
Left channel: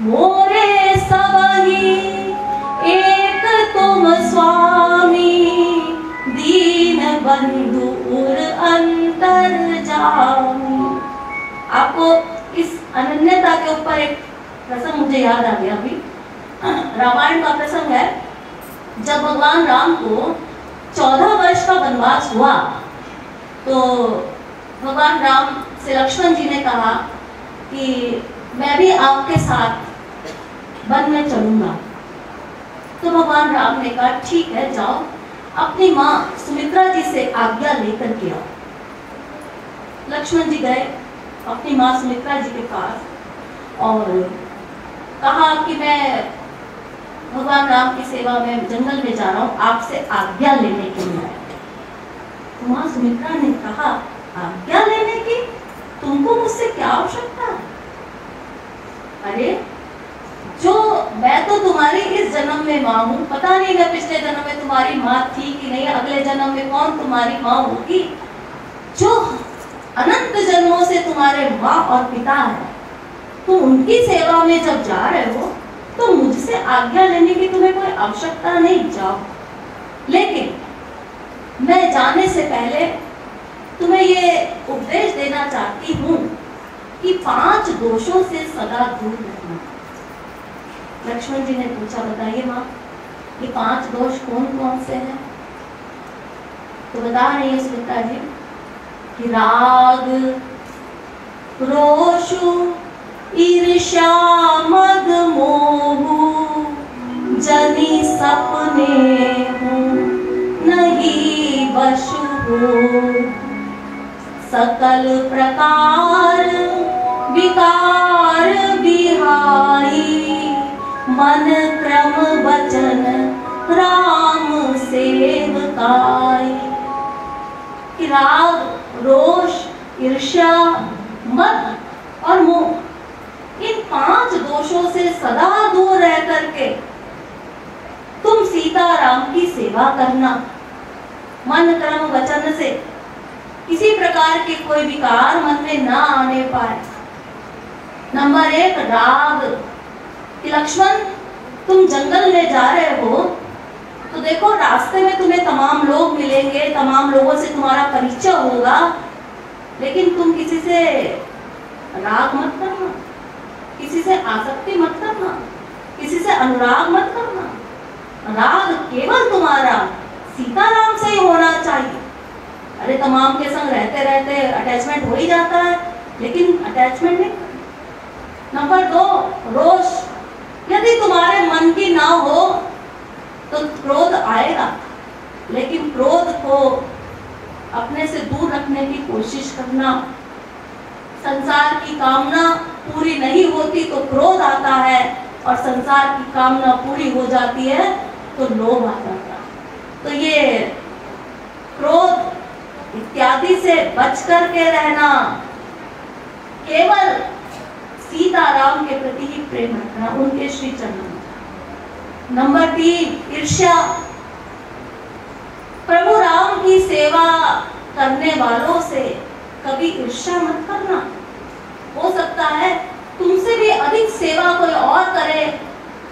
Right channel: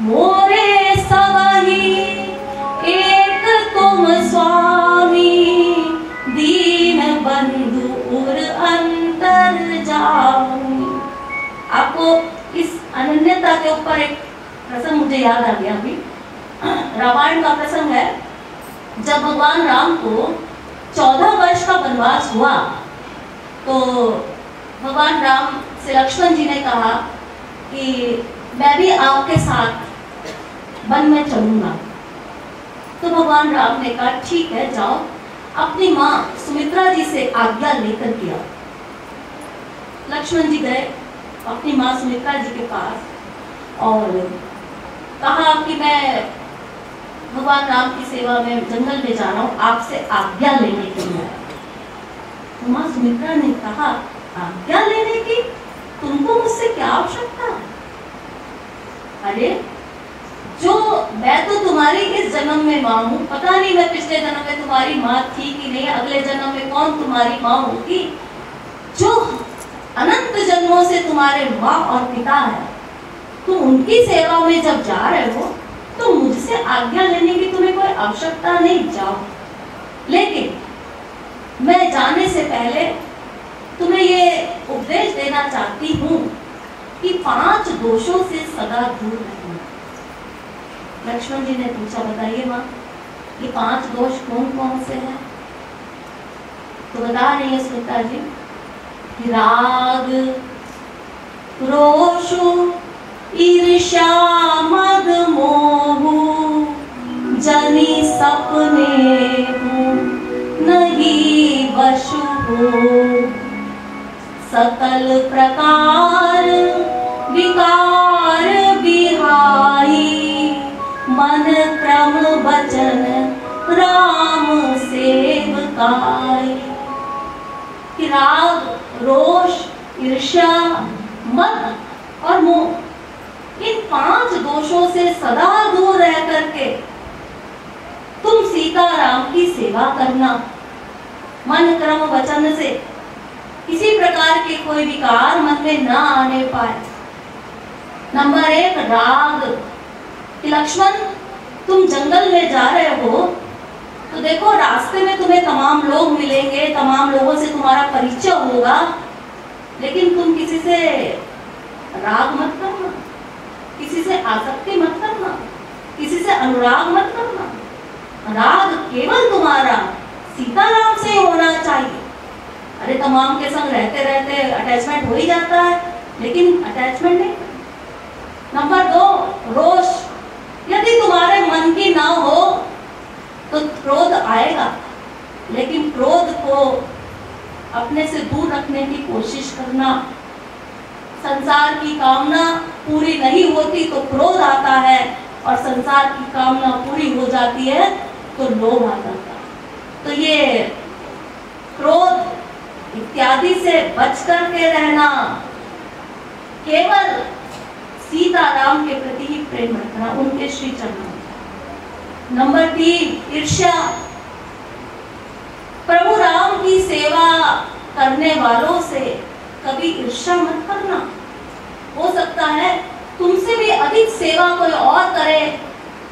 मोरे सबही एक तुम स्वामी, दीन बंधु उर अंतर जामी। आपको इस अनन्यता के ऊपर एक प्रसंग मुझे याद आ गया। अभी रामायण का प्रसंग है, जब भगवान राम को 14 वर्ष का वनवास हुआ तो भगवान राम से लक्ष्मण जी ने कहा कि मैं भी आपके साथ वन में चलूंगा। तो भगवान राम ने कहा ठीक है, जाओ, अपनी माँ सुमित्रा जी से आज्ञा लेकर के आओ। लक्ष्मण जी गए अपनी माँ सुमित्रा जी के पास और कहा कि मैं भगवान राम की सेवा में जंगल में जा रहा हूँ, आपसे आज्ञा लेने के लिए। तो माँ सुमित्रा ने कहा, आज्ञा लेने की? तुमको मुझसे क्या आवश्यकता है? अरे जो मैं तो तुम्हारी इस जन्म में माँ हूँ, पता नहीं मैं पिछले जन्म में तुम्हारी माँ थी कि नहीं, अगले जन्म में कौन तुम्हारी माँ होगी। जो अनंत जन्मों से तुम्हारे माँ और पिता है, तो उनकी सेवा में जब जा रहे हो तो मुझसे आज्ञा लेने की तुम्हें कोई आवश्यकता नहीं, जाओ। लेकिन मैं जाने से पहले तुम्हें ये उपदेश देना चाहती हूँ कि 5 दोषों से सदा दूर रहना। लक्ष्मण जी ने पूछा, बताइए माँ, ये 5 दोष कौन कौन से हैं? तो बता रही है सुमित्रा जी कि राग, क्रोध, ईर्ष्या, मद, मोह, जनि सपने हो, नहीं वश हो, सकल प्रकार विकार विहाई, मन क्रम वचन राम सेवकाई। राग, रोष, ईर्ष्या, मद और मोह, इन 5 दोषों से सदा दूर रह करके तुम सीताराम की सेवा करना। मन क्रम वचन से किसी प्रकार के कोई विकार मन में ना आने पाए। नंबर 1 राग, कि लक्ष्मण तुम जंगल में जा रहे हो तो देखो रास्ते में तुम्हें तमाम लोग मिलेंगे, तमाम लोगों से तुम्हारा परिचय होगा, लेकिन तुम किसी से राग मत करना, किसी से आसक्ति मत करना, किसी से अनुराग मत करना। राग केवल तुम्हारा सीताराम से ही होना चाहिए। अरे तमाम के संग रहते रहते अटैचमेंट हो ही जाता है, लेकिन अटैचमेंट नहीं। नंबर 2 रोष, यदि तुम्हारे मन की ना हो तो क्रोध आएगा, लेकिन क्रोध को अपने से दूर रखने की कोशिश करना। संसार की कामना पूरी नहीं होती तो क्रोध आता है, और संसार की कामना पूरी हो जाती है तो लोभ आ जाता है। तो ये क्रोध इत्यादि से बच करके रहना, केवल सीताराम के प्रति ही प्रेम रखना, उनके श्री चरणों। नंबर 3 ईर्ष्या, प्रभु राम की सेवा करने वालों से कभी ईर्ष्या मत करना। हो सकता है तुमसे भी अधिक सेवा कोई और करे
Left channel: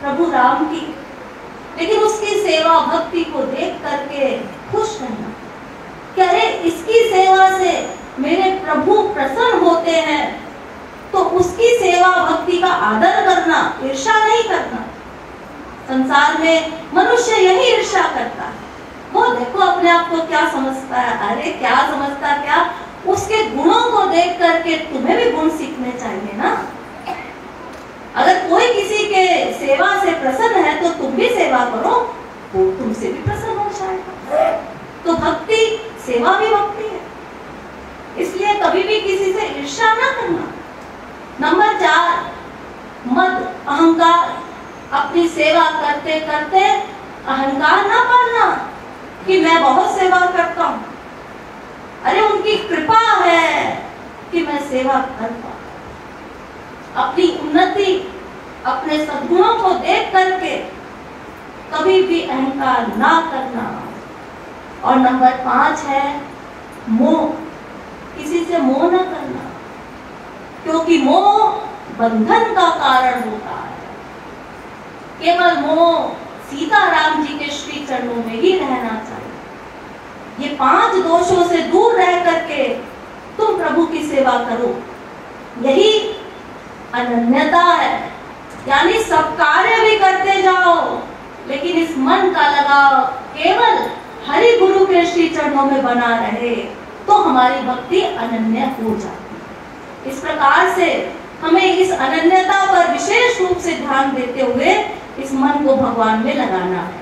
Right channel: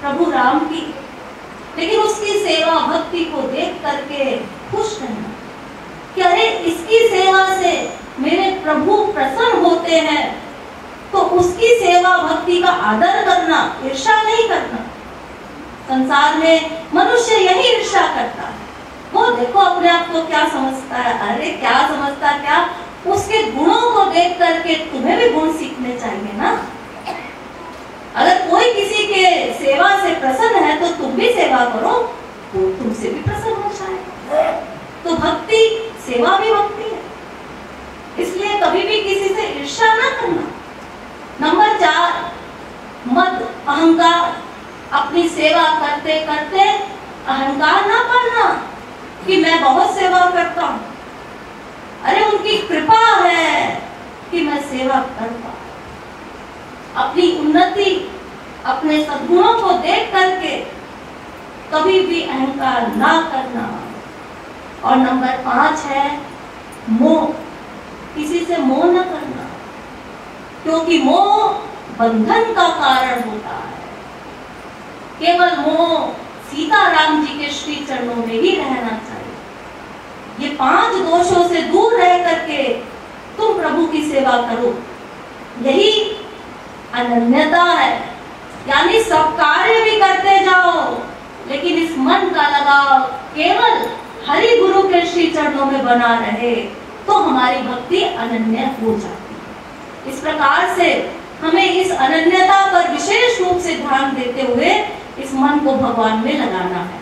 प्रभु राम की, लेकिन उसकी सेवा भक्ति को देख करके खुश रहना कि अरे इसकी सेवा से मेरे प्रभु प्रसन्न होते हैं, तो उसकी सेवा भक्ति का आदर करना, ईर्ष्या नहीं करना। संसार में मनुष्य यही ईर्ष्या करता है। वो देखो अपने आप को क्या समझता है, अरे क्या समझता, क्या उसके गुणों को देख करके तुम्हें भी गुण सीखने चाहिए ना। अगर कोई किसी के सेवा से प्रसन्न है तो तुम भी सेवा करो, वो तुमसे भी प्रसन्न हो जाएगा। तो भक्ति, सेवा भी भक्ति है, इसलिए कभी भी किसी से ईर्ष्या ना करना। नंबर 4 मद, अहंकार, अपनी सेवा करते करते अहंकार ना पालना कि मैं बहुत सेवा करता हूँ। अरे उनकी कृपा है कि मैं सेवा करता हूँ। अपनी उन्नति, अपने सद्गुणों को देख करके कभी भी अहंकार ना करना। और नंबर 5 है मोह, किसी से मोह ना करना, क्योंकि मोह बंधन का कारण होता है। केवल मोह सीताराम जी के श्री चरणों में ही रहना चाहिए। ये 5 दोषों से दूर रह करके तुम प्रभु की सेवा करो, यही अनन्यता है। यानी सब कार्य भी करते जाओ, लेकिन इस मन का लगाव केवल हरि गुरु के श्री चरणों में बना रहे, तो हमारी भक्ति अनन्य हो जाती है। इस प्रकार से हमें इस अनन्यता पर विशेष रूप से ध्यान देते हुए इस मन को भगवान में लगाना है।